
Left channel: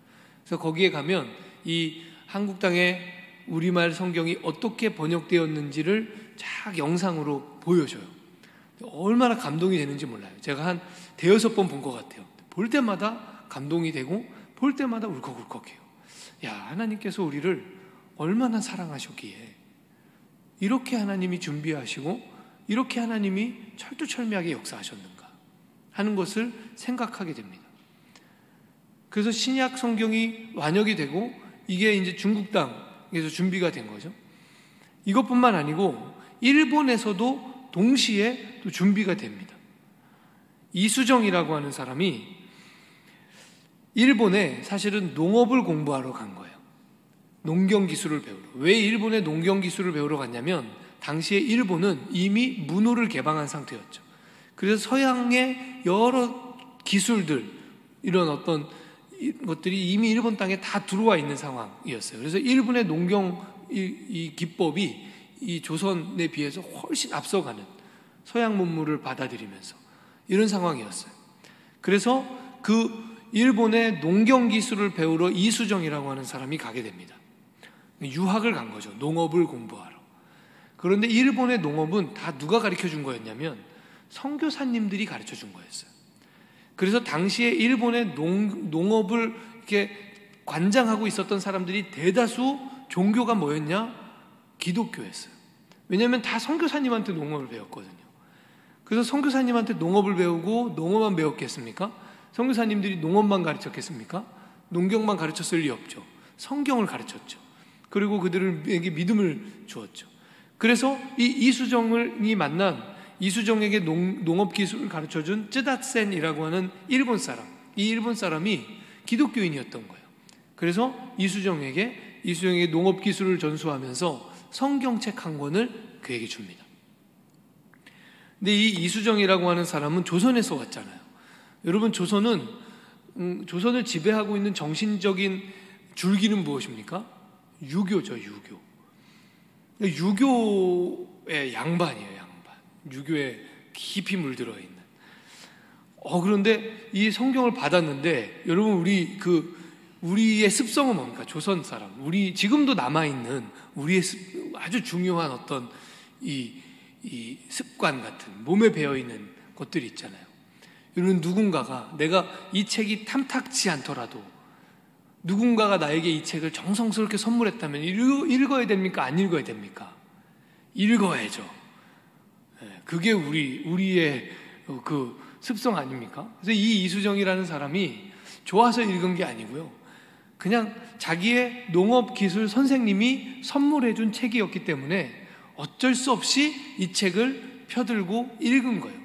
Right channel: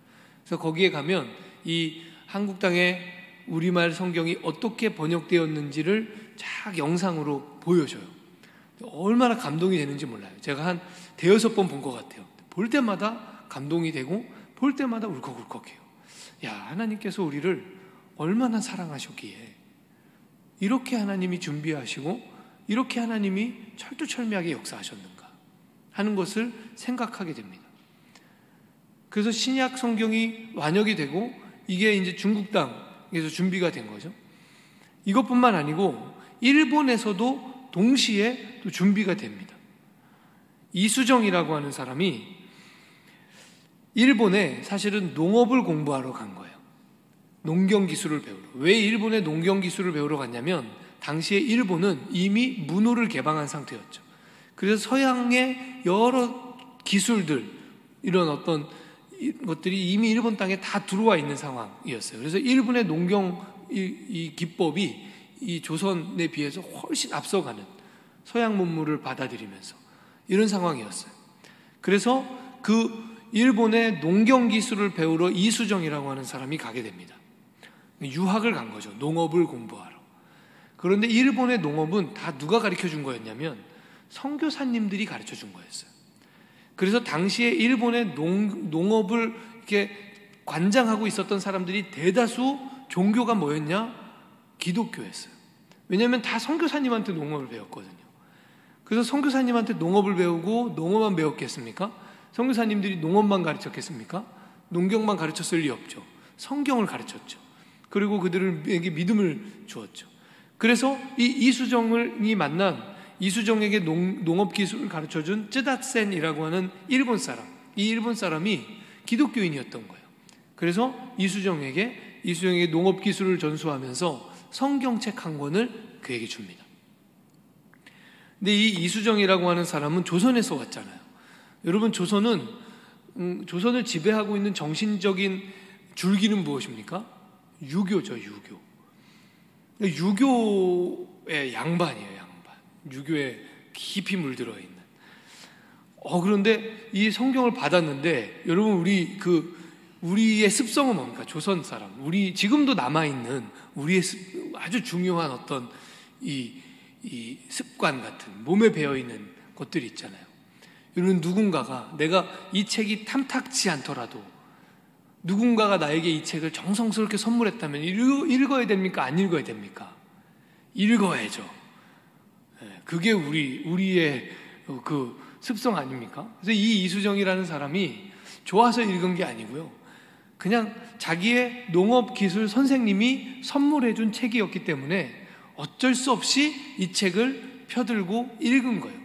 그래서 거기에 가면 이 한국 땅에 우리말 성경이 어떻게 번역되었는지를 쫙 영상으로 보여줘요. 얼마나 감동이 되는지 몰라요. 제가 한 5번 본 것 같아요. 볼 때마다 감동이 되고 볼 때마다 울컥울컥해요. 야, 하나님께서 우리를 얼마나 사랑하셨기에 이렇게 하나님이 준비하시고 이렇게 하나님이 철두철미하게 역사하셨는가 하는 것을 생각하게 됩니다. 그래서 신약 성경이 완역이 되고 이게 이제 중국 땅에서 준비가 된 거죠. 이것뿐만 아니고 일본에서도 동시에 또 준비가 됩니다. 이수정이라고 하는 사람이 일본에 사실은 농업을 공부하러 간 거예요. 농경 기술을 배우러. 왜 일본에 농경 기술을 배우러 갔냐면 당시에 일본은 이미 문호를 개방한 상태였죠. 그래서 서양의 여러 기술들, 이런 어떤 것들이 이미 일본 땅에 다 들어와 있는 상황이었어요. 그래서 일본의 농경 이 기법이 이 조선에 비해서 훨씬 앞서가는 서양 문물을 받아들이면서 이런 상황이었어요. 그래서 그 일본의 농경 기술을 배우러 이수정이라고 하는 사람이 가게 됩니다. 유학을 간 거죠. 농업을 공부하러. 그런데 일본의 농업은 다 누가 가르쳐 준 거였냐면 선교사님들이 가르쳐 준 거였어요. 그래서 당시에 일본의 농업을 이렇게 관장하고 있었던 사람들이 대다수 종교가 뭐였냐? 기독교였어요. 왜냐하면 다 선교사님한테 농업을 배웠거든요. 그래서 선교사님한테 농업을 배우고 농업만 배웠겠습니까? 선교사님들이 농업만 가르쳤겠습니까? 농경만 가르쳤을 리 없죠. 성경을 가르쳤죠. 그리고 그들에게 믿음을 주었죠. 그래서 이 이수정이 만난 이수정에게 농업 기술을 가르쳐준 쯔다센이라고 하는 일본 사람, 이 일본 사람이 기독교인이었던 거예요. 그래서 이수정에게 농업 기술을 전수하면서 성경책 한 권을 그에게 줍니다. 근데 이 이수정이라고 하는 사람은 조선에서 왔잖아요. 여러분, 조선을 지배하고 있는 정신적인 줄기는 무엇입니까? 유교죠, 유교. 유교의 양반이에요, 양반. 유교에 깊이 물들어 있는. 그런데 이 성경을 받았는데, 여러분, 우리의 습성은 뭡니까? 조선 사람. 지금도 남아있는 우리의 아주 중요한 어떤 이 습관 같은, 몸에 배어있는 것들이 있잖아요. 여러분, 누군가가 내가 이 책이 탐탁지 않더라도 누군가가 나에게 이 책을 정성스럽게 선물했다면 읽어야 됩니까? 안 읽어야 됩니까? 읽어야죠. 그게 우리의 그 습성 아닙니까? 그래서 이 이수정이라는 사람이 좋아서 읽은 게 아니고요. 그냥 자기의 농업기술 선생님이 선물해준 책이었기 때문에 어쩔 수 없이 이 책을 펴들고 읽은 거예요.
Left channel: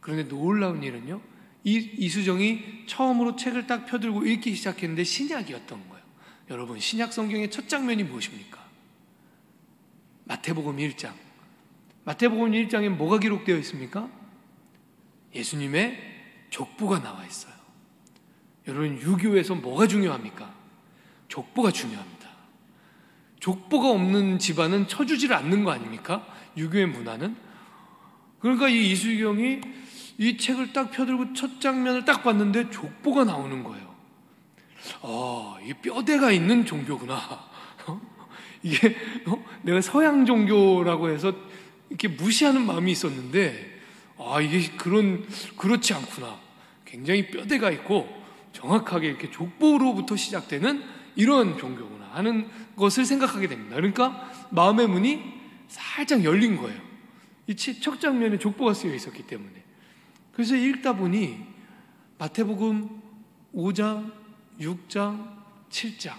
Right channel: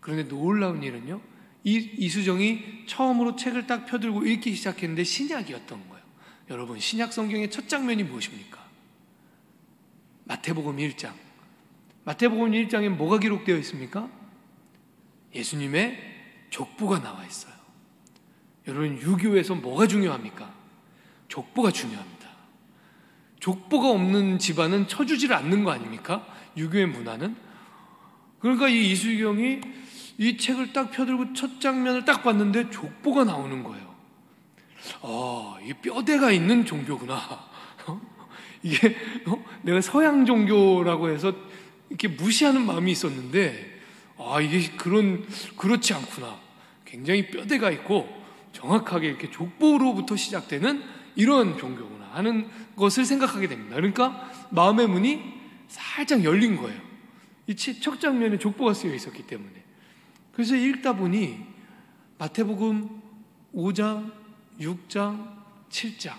그런데 놀라운 일은요, 이수정이 처음으로 책을 딱 펴들고 읽기 시작했는데 신약이었던 거예요. 여러분, 신약 성경의 첫 장면이 무엇입니까? 마태복음 1장. 마태복음 1장에 뭐가 기록되어 있습니까? 예수님의 족보가 나와 있어요. 여러분, 유교에서 뭐가 중요합니까? 족보가 중요합니다. 족보가 없는 집안은 쳐주질 않는 거 아닙니까? 유교의 문화는. 그러니까 이 이수경이 이 책을 딱 펴들고 첫 장면을 딱 봤는데 족보가 나오는 거예요. 이 뼈대가 있는 종교구나. 이게 내가 서양 종교라고 해서 이렇게 무시하는 마음이 있었는데, 이게 그렇지 않구나. 굉장히 뼈대가 있고 정확하게 이렇게 족보로부터 시작되는 이런 종교구나 하는 것을 생각하게 됩니다. 그러니까 마음의 문이 살짝 열린 거예요. 이 첫 장면에 족보가 쓰여 있었기 때문에. 그래서 읽다 보니 마태복음 5장, 6장, 7장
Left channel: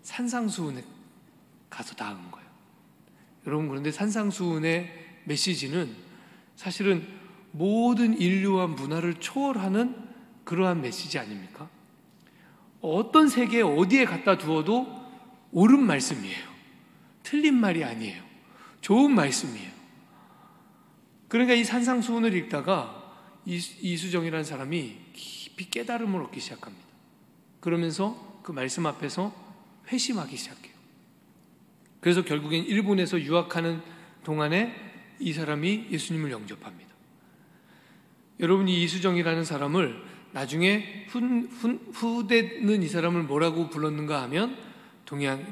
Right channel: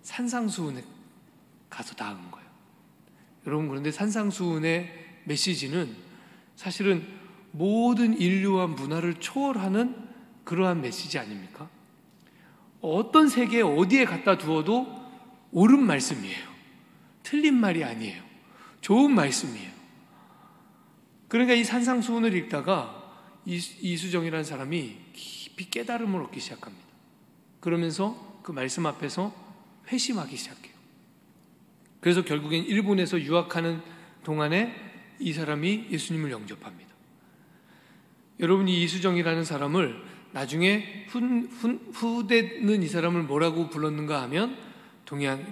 산상수훈에 가서 닿은 거예요. 여러분, 그런데 산상수훈의 메시지는 사실은 모든 인류와 문화를 초월하는 그러한 메시지 아닙니까? 어떤 세계에 어디에 갖다 두어도 옳은 말씀이에요. 틀린 말이 아니에요. 좋은 말씀이에요. 그러니까 이 산상수훈을 읽다가 이수정이라는 사람이 깊이 깨달음을 얻기 시작합니다. 그러면서 그 말씀 앞에서 회심하기 시작해요. 그래서 결국엔 일본에서 유학하는 동안에 이 사람이 예수님을 영접합니다. 여러분, 이 이수정이라는 사람을 나중에 후대는 이 사람을 뭐라고 불렀는가 하면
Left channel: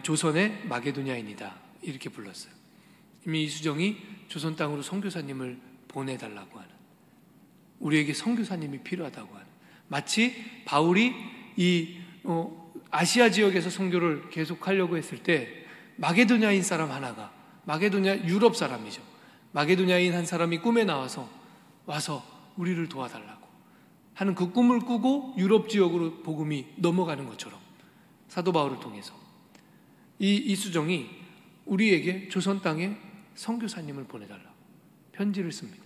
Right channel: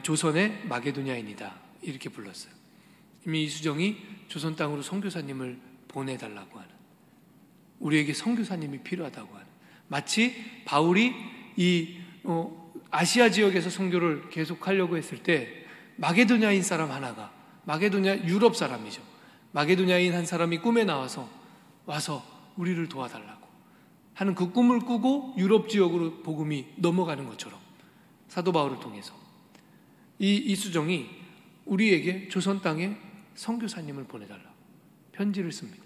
조선의 마게도냐인이다, 이렇게 불렀어요. 이미 이수정이 조선 땅으로 선교사님을 보내달라고 하는, 우리에게 선교사님이 필요하다고 하는, 마치 바울이 이 아시아 지역에서 선교를 계속하려고 했을 때 마게도냐인 사람 하나가, 유럽 사람이죠. 마게도냐인 한 사람이 꿈에 나와서 와서 우리를 도와달라고 하는 그 꿈을 꾸고 유럽 지역으로 복음이 넘어가는 것처럼 사도 바울을 통해서 이 이수정이 우리에게 조선 땅에 선교사님을 보내달라고 편지를 씁니다.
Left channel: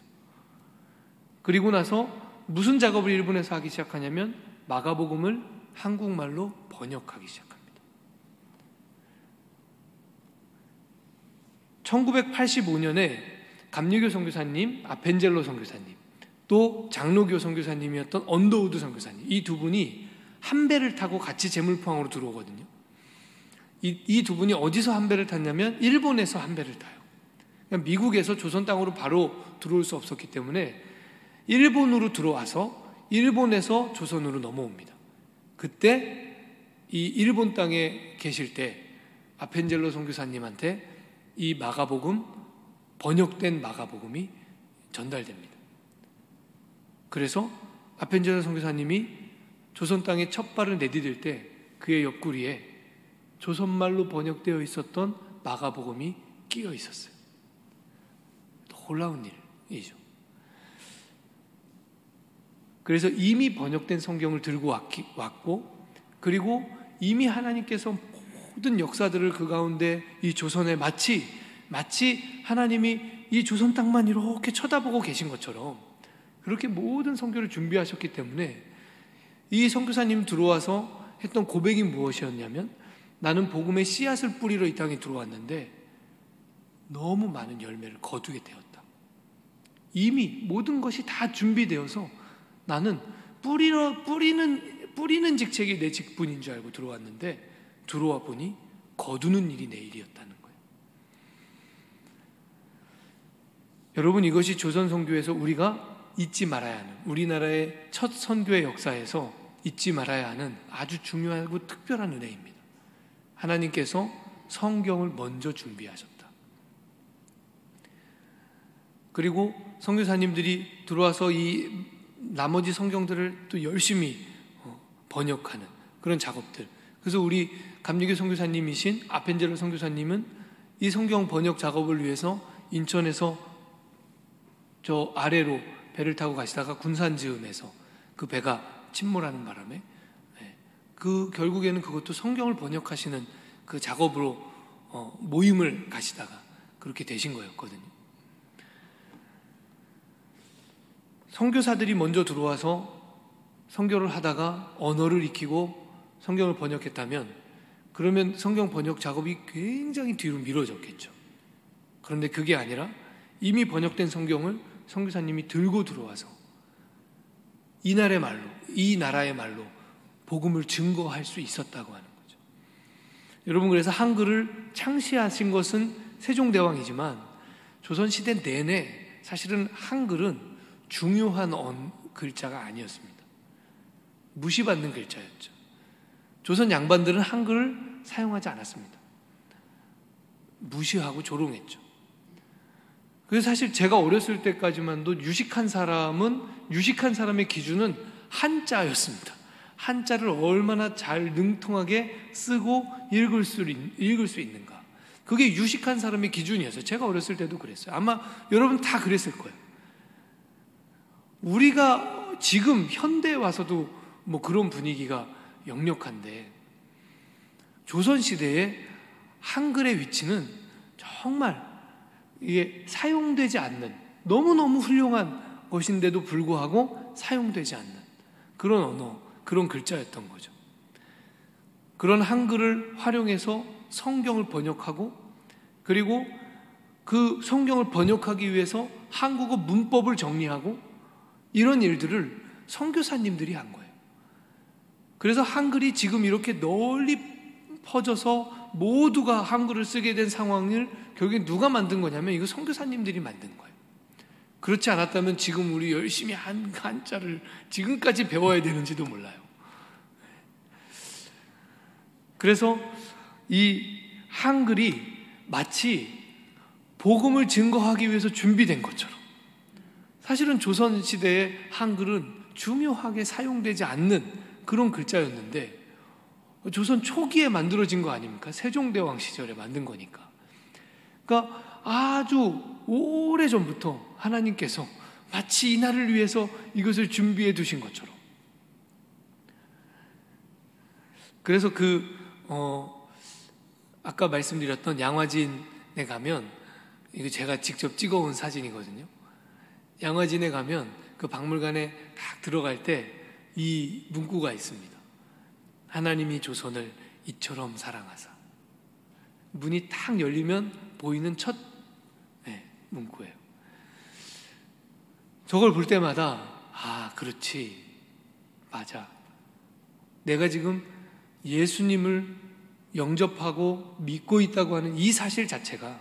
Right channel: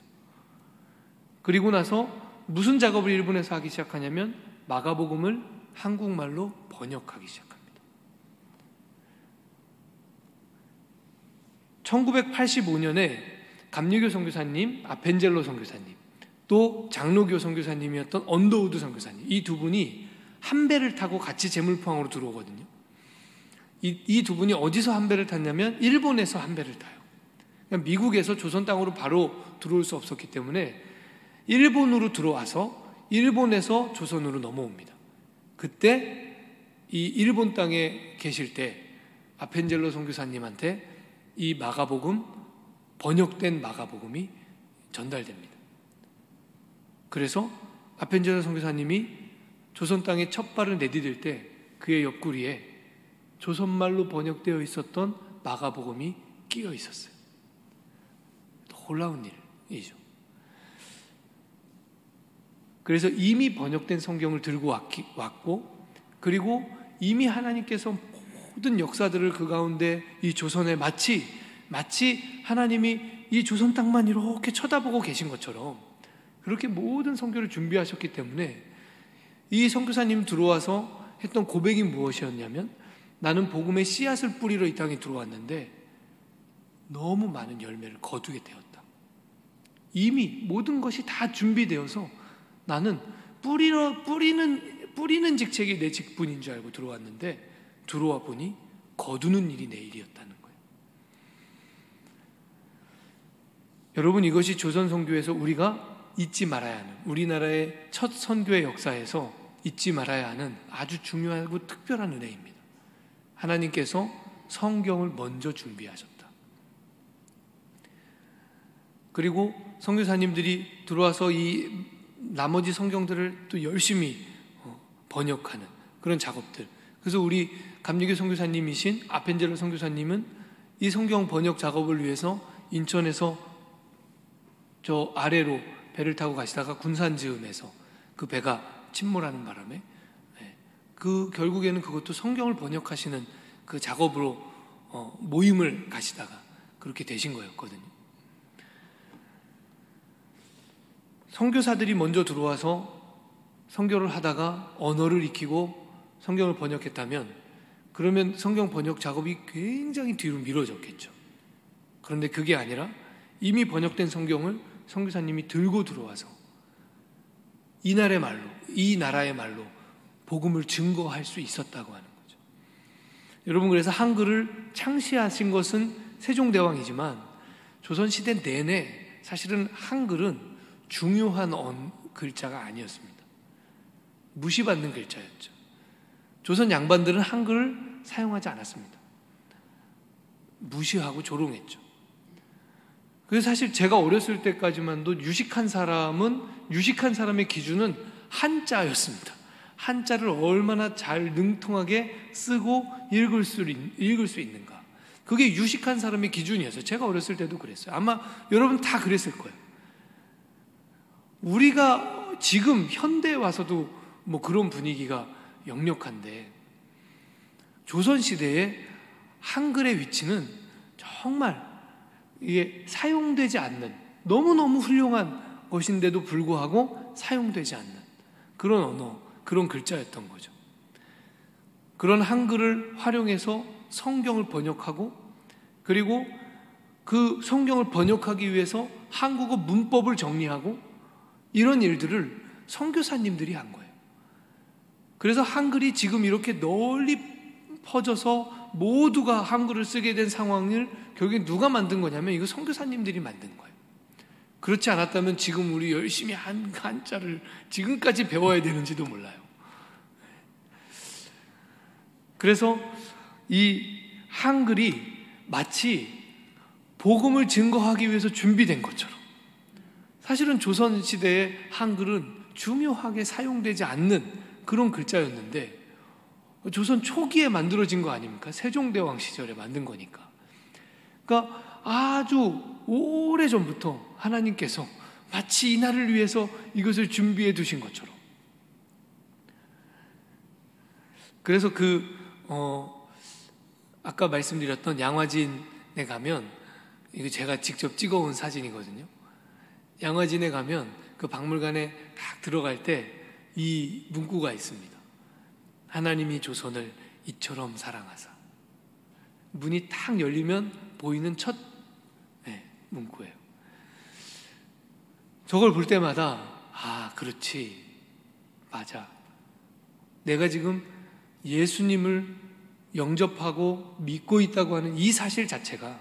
그리고 나서 무슨 작업을 일본에서 하기 시작하냐면 마가복음을 한국말로 번역하기 시작합니다. 1985년에 감리교 선교사님, 아펜젤로 선교사님, 또 장로교 선교사님이었던 언더우드 선교사님, 이 두 분이 한 배를 타고 같이 제물포항으로 들어오거든요. 이 두 분이 어디서 한 배를 탔냐면 일본에서 한 배를 타요. 그러니까 미국에서 조선 땅으로 바로 들어올 수 없었기 때문에 일본으로 들어와서 일본에서 조선으로 넘어옵니다. 그때 이 일본 땅에 계실 때 아펜젤로 선교사님한테 이 마가복음, 번역된 마가복음이 전달됩니다. 그래서 아펜젤러 선교사님이 조선 땅에 첫 발을 내디딜 때 그의 옆구리에 조선말로 번역되어 있었던 마가복음이 끼어 있었어요. 놀라운 일이죠. 그래서 이미 번역된 성경을 들고 왔고, 그리고 이미 하나님께서 모든 역사들을 그 가운데 이 조선에 마치 하나님이 이 조선 땅만 이렇게 쳐다보고 계신 것처럼 그렇게 모든 선교를 준비하셨기 때문에 이 선교사님 들어와서 했던 고백이 무엇이었냐면, 나는 복음의 씨앗을 뿌리러 이 땅에 들어왔는데 너무 많은 열매를 거두게 되었다. 이미 모든 것이 다 준비되어서 나는 뿌리는 직책이 내 직분인 줄 알고 들어왔는데 들어와 보니 거두는 일이 내 일이었다는 거예요. 여러분, 이것이 조선 선교에서 우리가 잊지 말아야 하는, 우리나라의 첫 선교의 역사에서 잊지 말아야 하는 아주 중요하고 특별한 은혜입니다. 하나님께서 성경을 먼저 준비하셨다. 그리고 선교사님들이 들어와서 이 나머지 성경들을 또 열심히 번역하는 그런 작업들. 그래서 우리 감리교 선교사님이신 아펜젤러 선교사님은 이 성경 번역 작업을 위해서 인천에서 저 아래로 배를 타고 가시다가 군산즈음에서 그 배가 침몰하는 바람에 그 결국에는 그것도 성경을 번역하시는 그 작업으로 모임을 가시다가 그렇게 되신 거였거든요. 선교사들이 먼저 들어와서 선교를 하다가 언어를 익히고 성경을 번역했다면, 그러면 성경 번역 작업이 굉장히 뒤로 미뤄졌겠죠. 그런데 그게 아니라 이미 번역된 성경을 선교사님이 들고 들어와서 이 나라의 말로 복음을 증거할 수 있었다고 하는 거죠. 여러분, 그래서 한글을 창시하신 것은 세종대왕이지만 조선시대 내내 사실은 한글은 중요한 글자가 아니었습니다. 무시받는 글자였죠. 조선 양반들은 한글을 사용하지 않았습니다. 무시하고 조롱했죠. 그래서 사실 제가 어렸을 때까지만도 유식한 사람의 기준은 한자였습니다. 한자를 얼마나 잘 능통하게 쓰고 읽을 수 있는가. 그게 유식한 사람의 기준이었어요. 제가 어렸을 때도 그랬어요. 아마 여러분 다 그랬을 거예요. 우리가 지금 현대에 와서도 뭐 그런 분위기가 역력한데, 조선시대에 한글의 위치는 정말 이게 사용되지 않는, 너무너무 훌륭한 것인데도 불구하고 사용되지 않는 그런 언어, 그런 글자였던 거죠. 그런 한글을 활용해서 성경을 번역하고, 그리고 그 성경을 번역하기 위해서 한국어 문법을 정리하고, 이런 일들을 선교사님들이 한 거예요. 그래서 한글이 지금 이렇게 널리 퍼져서 모두가 한글을 쓰게 된 상황을 결국에 누가 만든 거냐면 이거 선교사님들이 만든 거예요. 그렇지 않았다면 지금 우리 열심히 한자를 지금까지 배워야 되는지도 몰라요. 그래서 이 한글이 마치 복음을 증거하기 위해서 준비된 것처럼, 사실은 조선시대의 한글은 중요하게 사용되지 않는 그런 글자였는데 조선 초기에 만들어진 거 아닙니까? 세종대왕 시절에 만든 거니까. 그러니까 아주 오래전부터 하나님께서 마치 이날을 위해서 이것을 준비해 두신 것처럼. 그래서 아까 말씀드렸던 양화진에 가면, 이거 제가 직접 찍어온 사진이거든요. 양화진에 가면 그 박물관에 딱 들어갈 때 이 문구가 있습니다. 하나님이 조선을 이처럼 사랑하사. 문이 탁 열리면 보이는 첫 문구예요. 저걸 볼 때마다 그렇지, 맞아. 내가 지금 예수님을 영접하고 믿고 있다고 하는 이 사실 자체가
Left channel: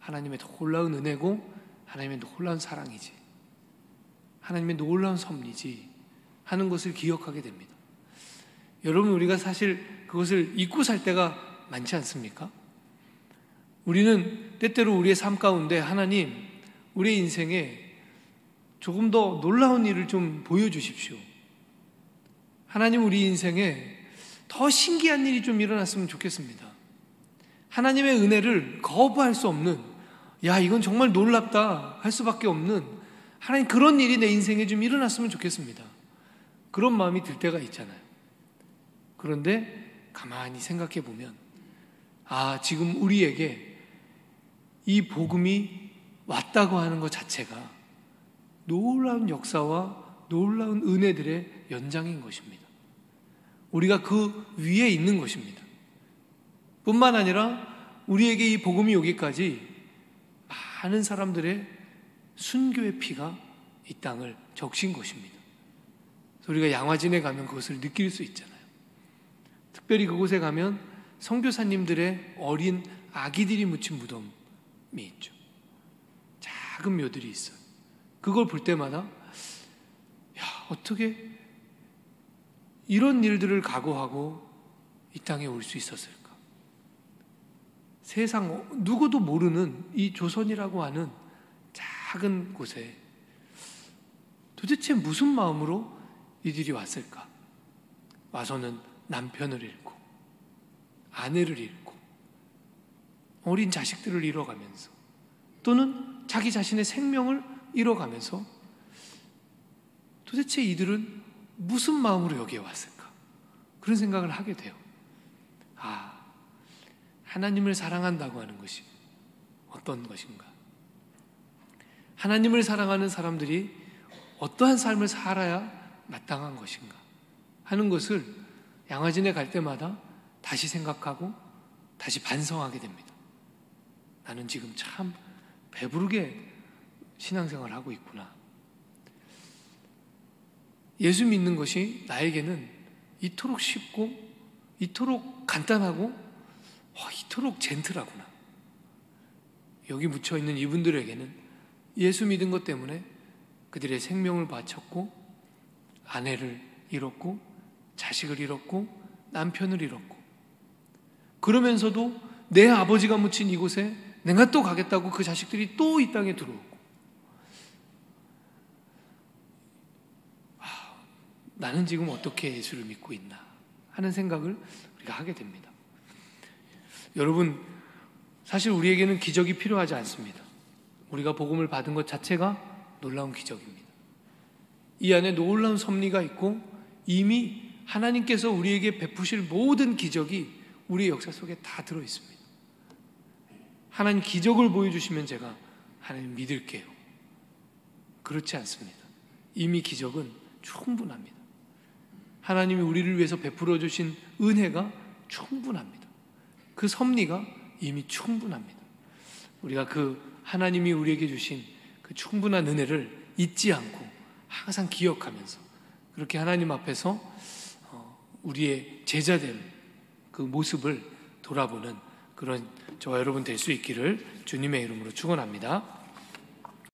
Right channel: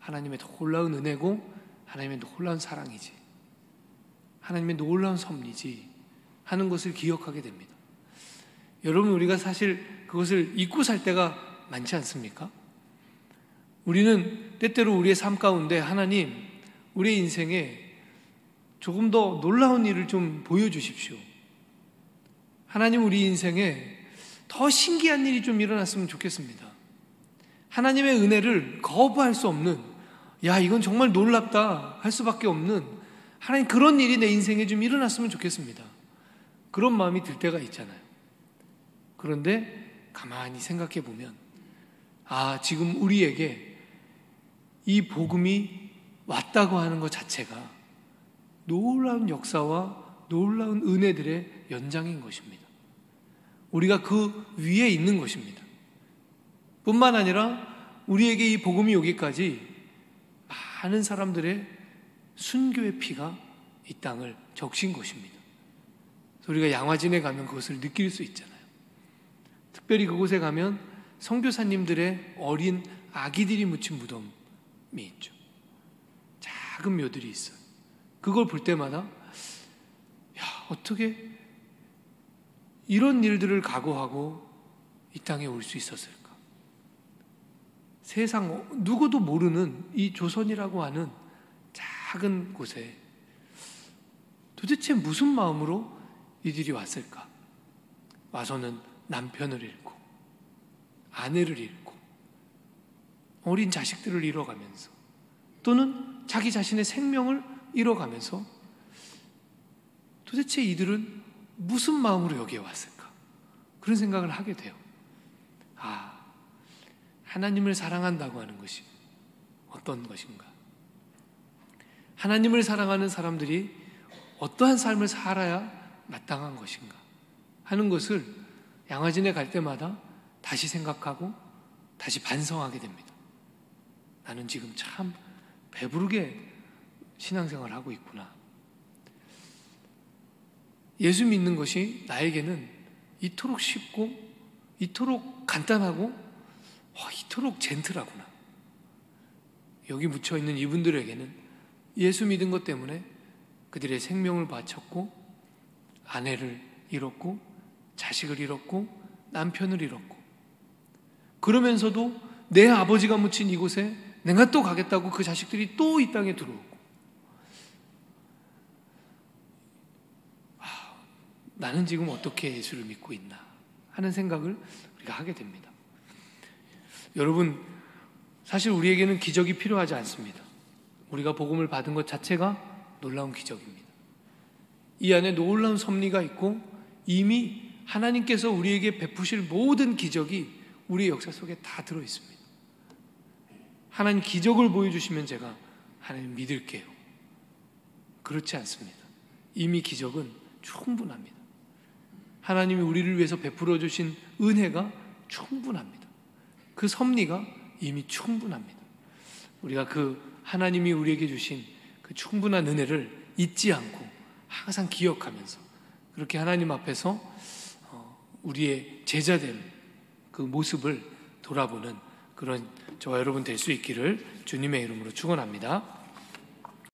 하나님의 놀라운 은혜고 하나님의 놀라운 사랑이지, 하나님의 놀라운 섭리지 하는 것을 기억하게 됩니다. 여러분, 우리가 사실 그것을 잊고 살 때가 많지 않습니까? 우리는 때때로 우리의 삶 가운데 하나님, 우리의 인생에 조금 더 놀라운 일을 좀 보여주십시오. 하나님, 우리 인생에 더 신기한 일이 좀 일어났으면 좋겠습니다. 하나님의 은혜를 거부할 수 없는, 야, 이건 정말 놀랍다 할 수밖에 없는, 하나님, 그런 일이 내 인생에 좀 일어났으면 좋겠습니다. 그런 마음이 들 때가 있잖아요. 그런데 가만히 생각해 보면, 지금 우리에게 이 복음이 왔다고 하는 것 자체가 놀라운 역사와 놀라운 은혜들의 연장인 것입니다. 우리가 그 위에 있는 것입니다. 뿐만 아니라 우리에게 이 복음이 오기까지 많은 사람들의 순교의 피가 이 땅을 적신 것입니다. 우리가 양화진에 가면 그것을 느낄 수 있잖아요. 특별히 그곳에 가면 선교사님들의 어린 아기들이 묻힌 무덤이 있죠. 작은 묘들이 있어요. 그걸 볼 때마다 어떻게 이런 일들을 각오하고 이 땅에 올 수 있었을까? 세상 누구도 모르는 이 조선이라고 하는 작은 곳에 도대체 무슨 마음으로 이들이 왔을까? 와서는 남편을 잃고 아내를 잃고 어린 자식들을 잃어가면서 또는 자기 자신의 생명을 잃어가면서 도대체 이들은 무슨 마음으로 여기에 왔을까? 그런 생각을 하게 돼요. 하나님을 사랑한다고 하는 것이 어떤 것인가? 하나님을 사랑하는 사람들이 어떠한 삶을 살아야 마땅한 것인가? 하는 것을 양화진에 갈 때마다 다시 생각하고 다시 반성하게 됩니다. 나는 지금 참 배부르게 신앙생활을 하고 있구나. 예수 믿는 것이 나에게는 이토록 쉽고 이토록 간단하고 이토록 젠틀하구나. 여기 묻혀있는 이분들에게는 예수 믿은 것 때문에 그들의 생명을 바쳤고 아내를 잃었고 자식을 잃었고 남편을 잃었고 그러면서도 내 아버지가 묻힌 이곳에 내가 또 가겠다고 그 자식들이 또 이 땅에 들어오고 나는 지금 어떻게 예수를 믿고 있나 하는 생각을 우리가 하게 됩니다. 여러분, 사실 우리에게는 기적이 필요하지 않습니다. 우리가 복음을 받은 것 자체가 놀라운 기적입니다. 이 안에 놀라운 섭리가 있고 이미 하나님께서 우리에게 베푸실 모든 기적이 우리의 역사 속에 다 들어있습니다. 하나님 기적을 보여주시면 제가 하나님 믿을게요. 그렇지 않습니다. 이미 기적은 충분합니다. 하나님이 우리를 위해서 베풀어 주신 은혜가 충분합니다. 그 섭리가 이미 충분합니다. 우리가 그 하나님이 우리에게 주신 그 충분한 은혜를 잊지 않고 항상 기억하면서 그렇게 하나님 앞에서 우리의 제자된 그 모습을 돌아보는 그런 저와 여러분 될 수 있기를 주님의 이름으로 축원합니다.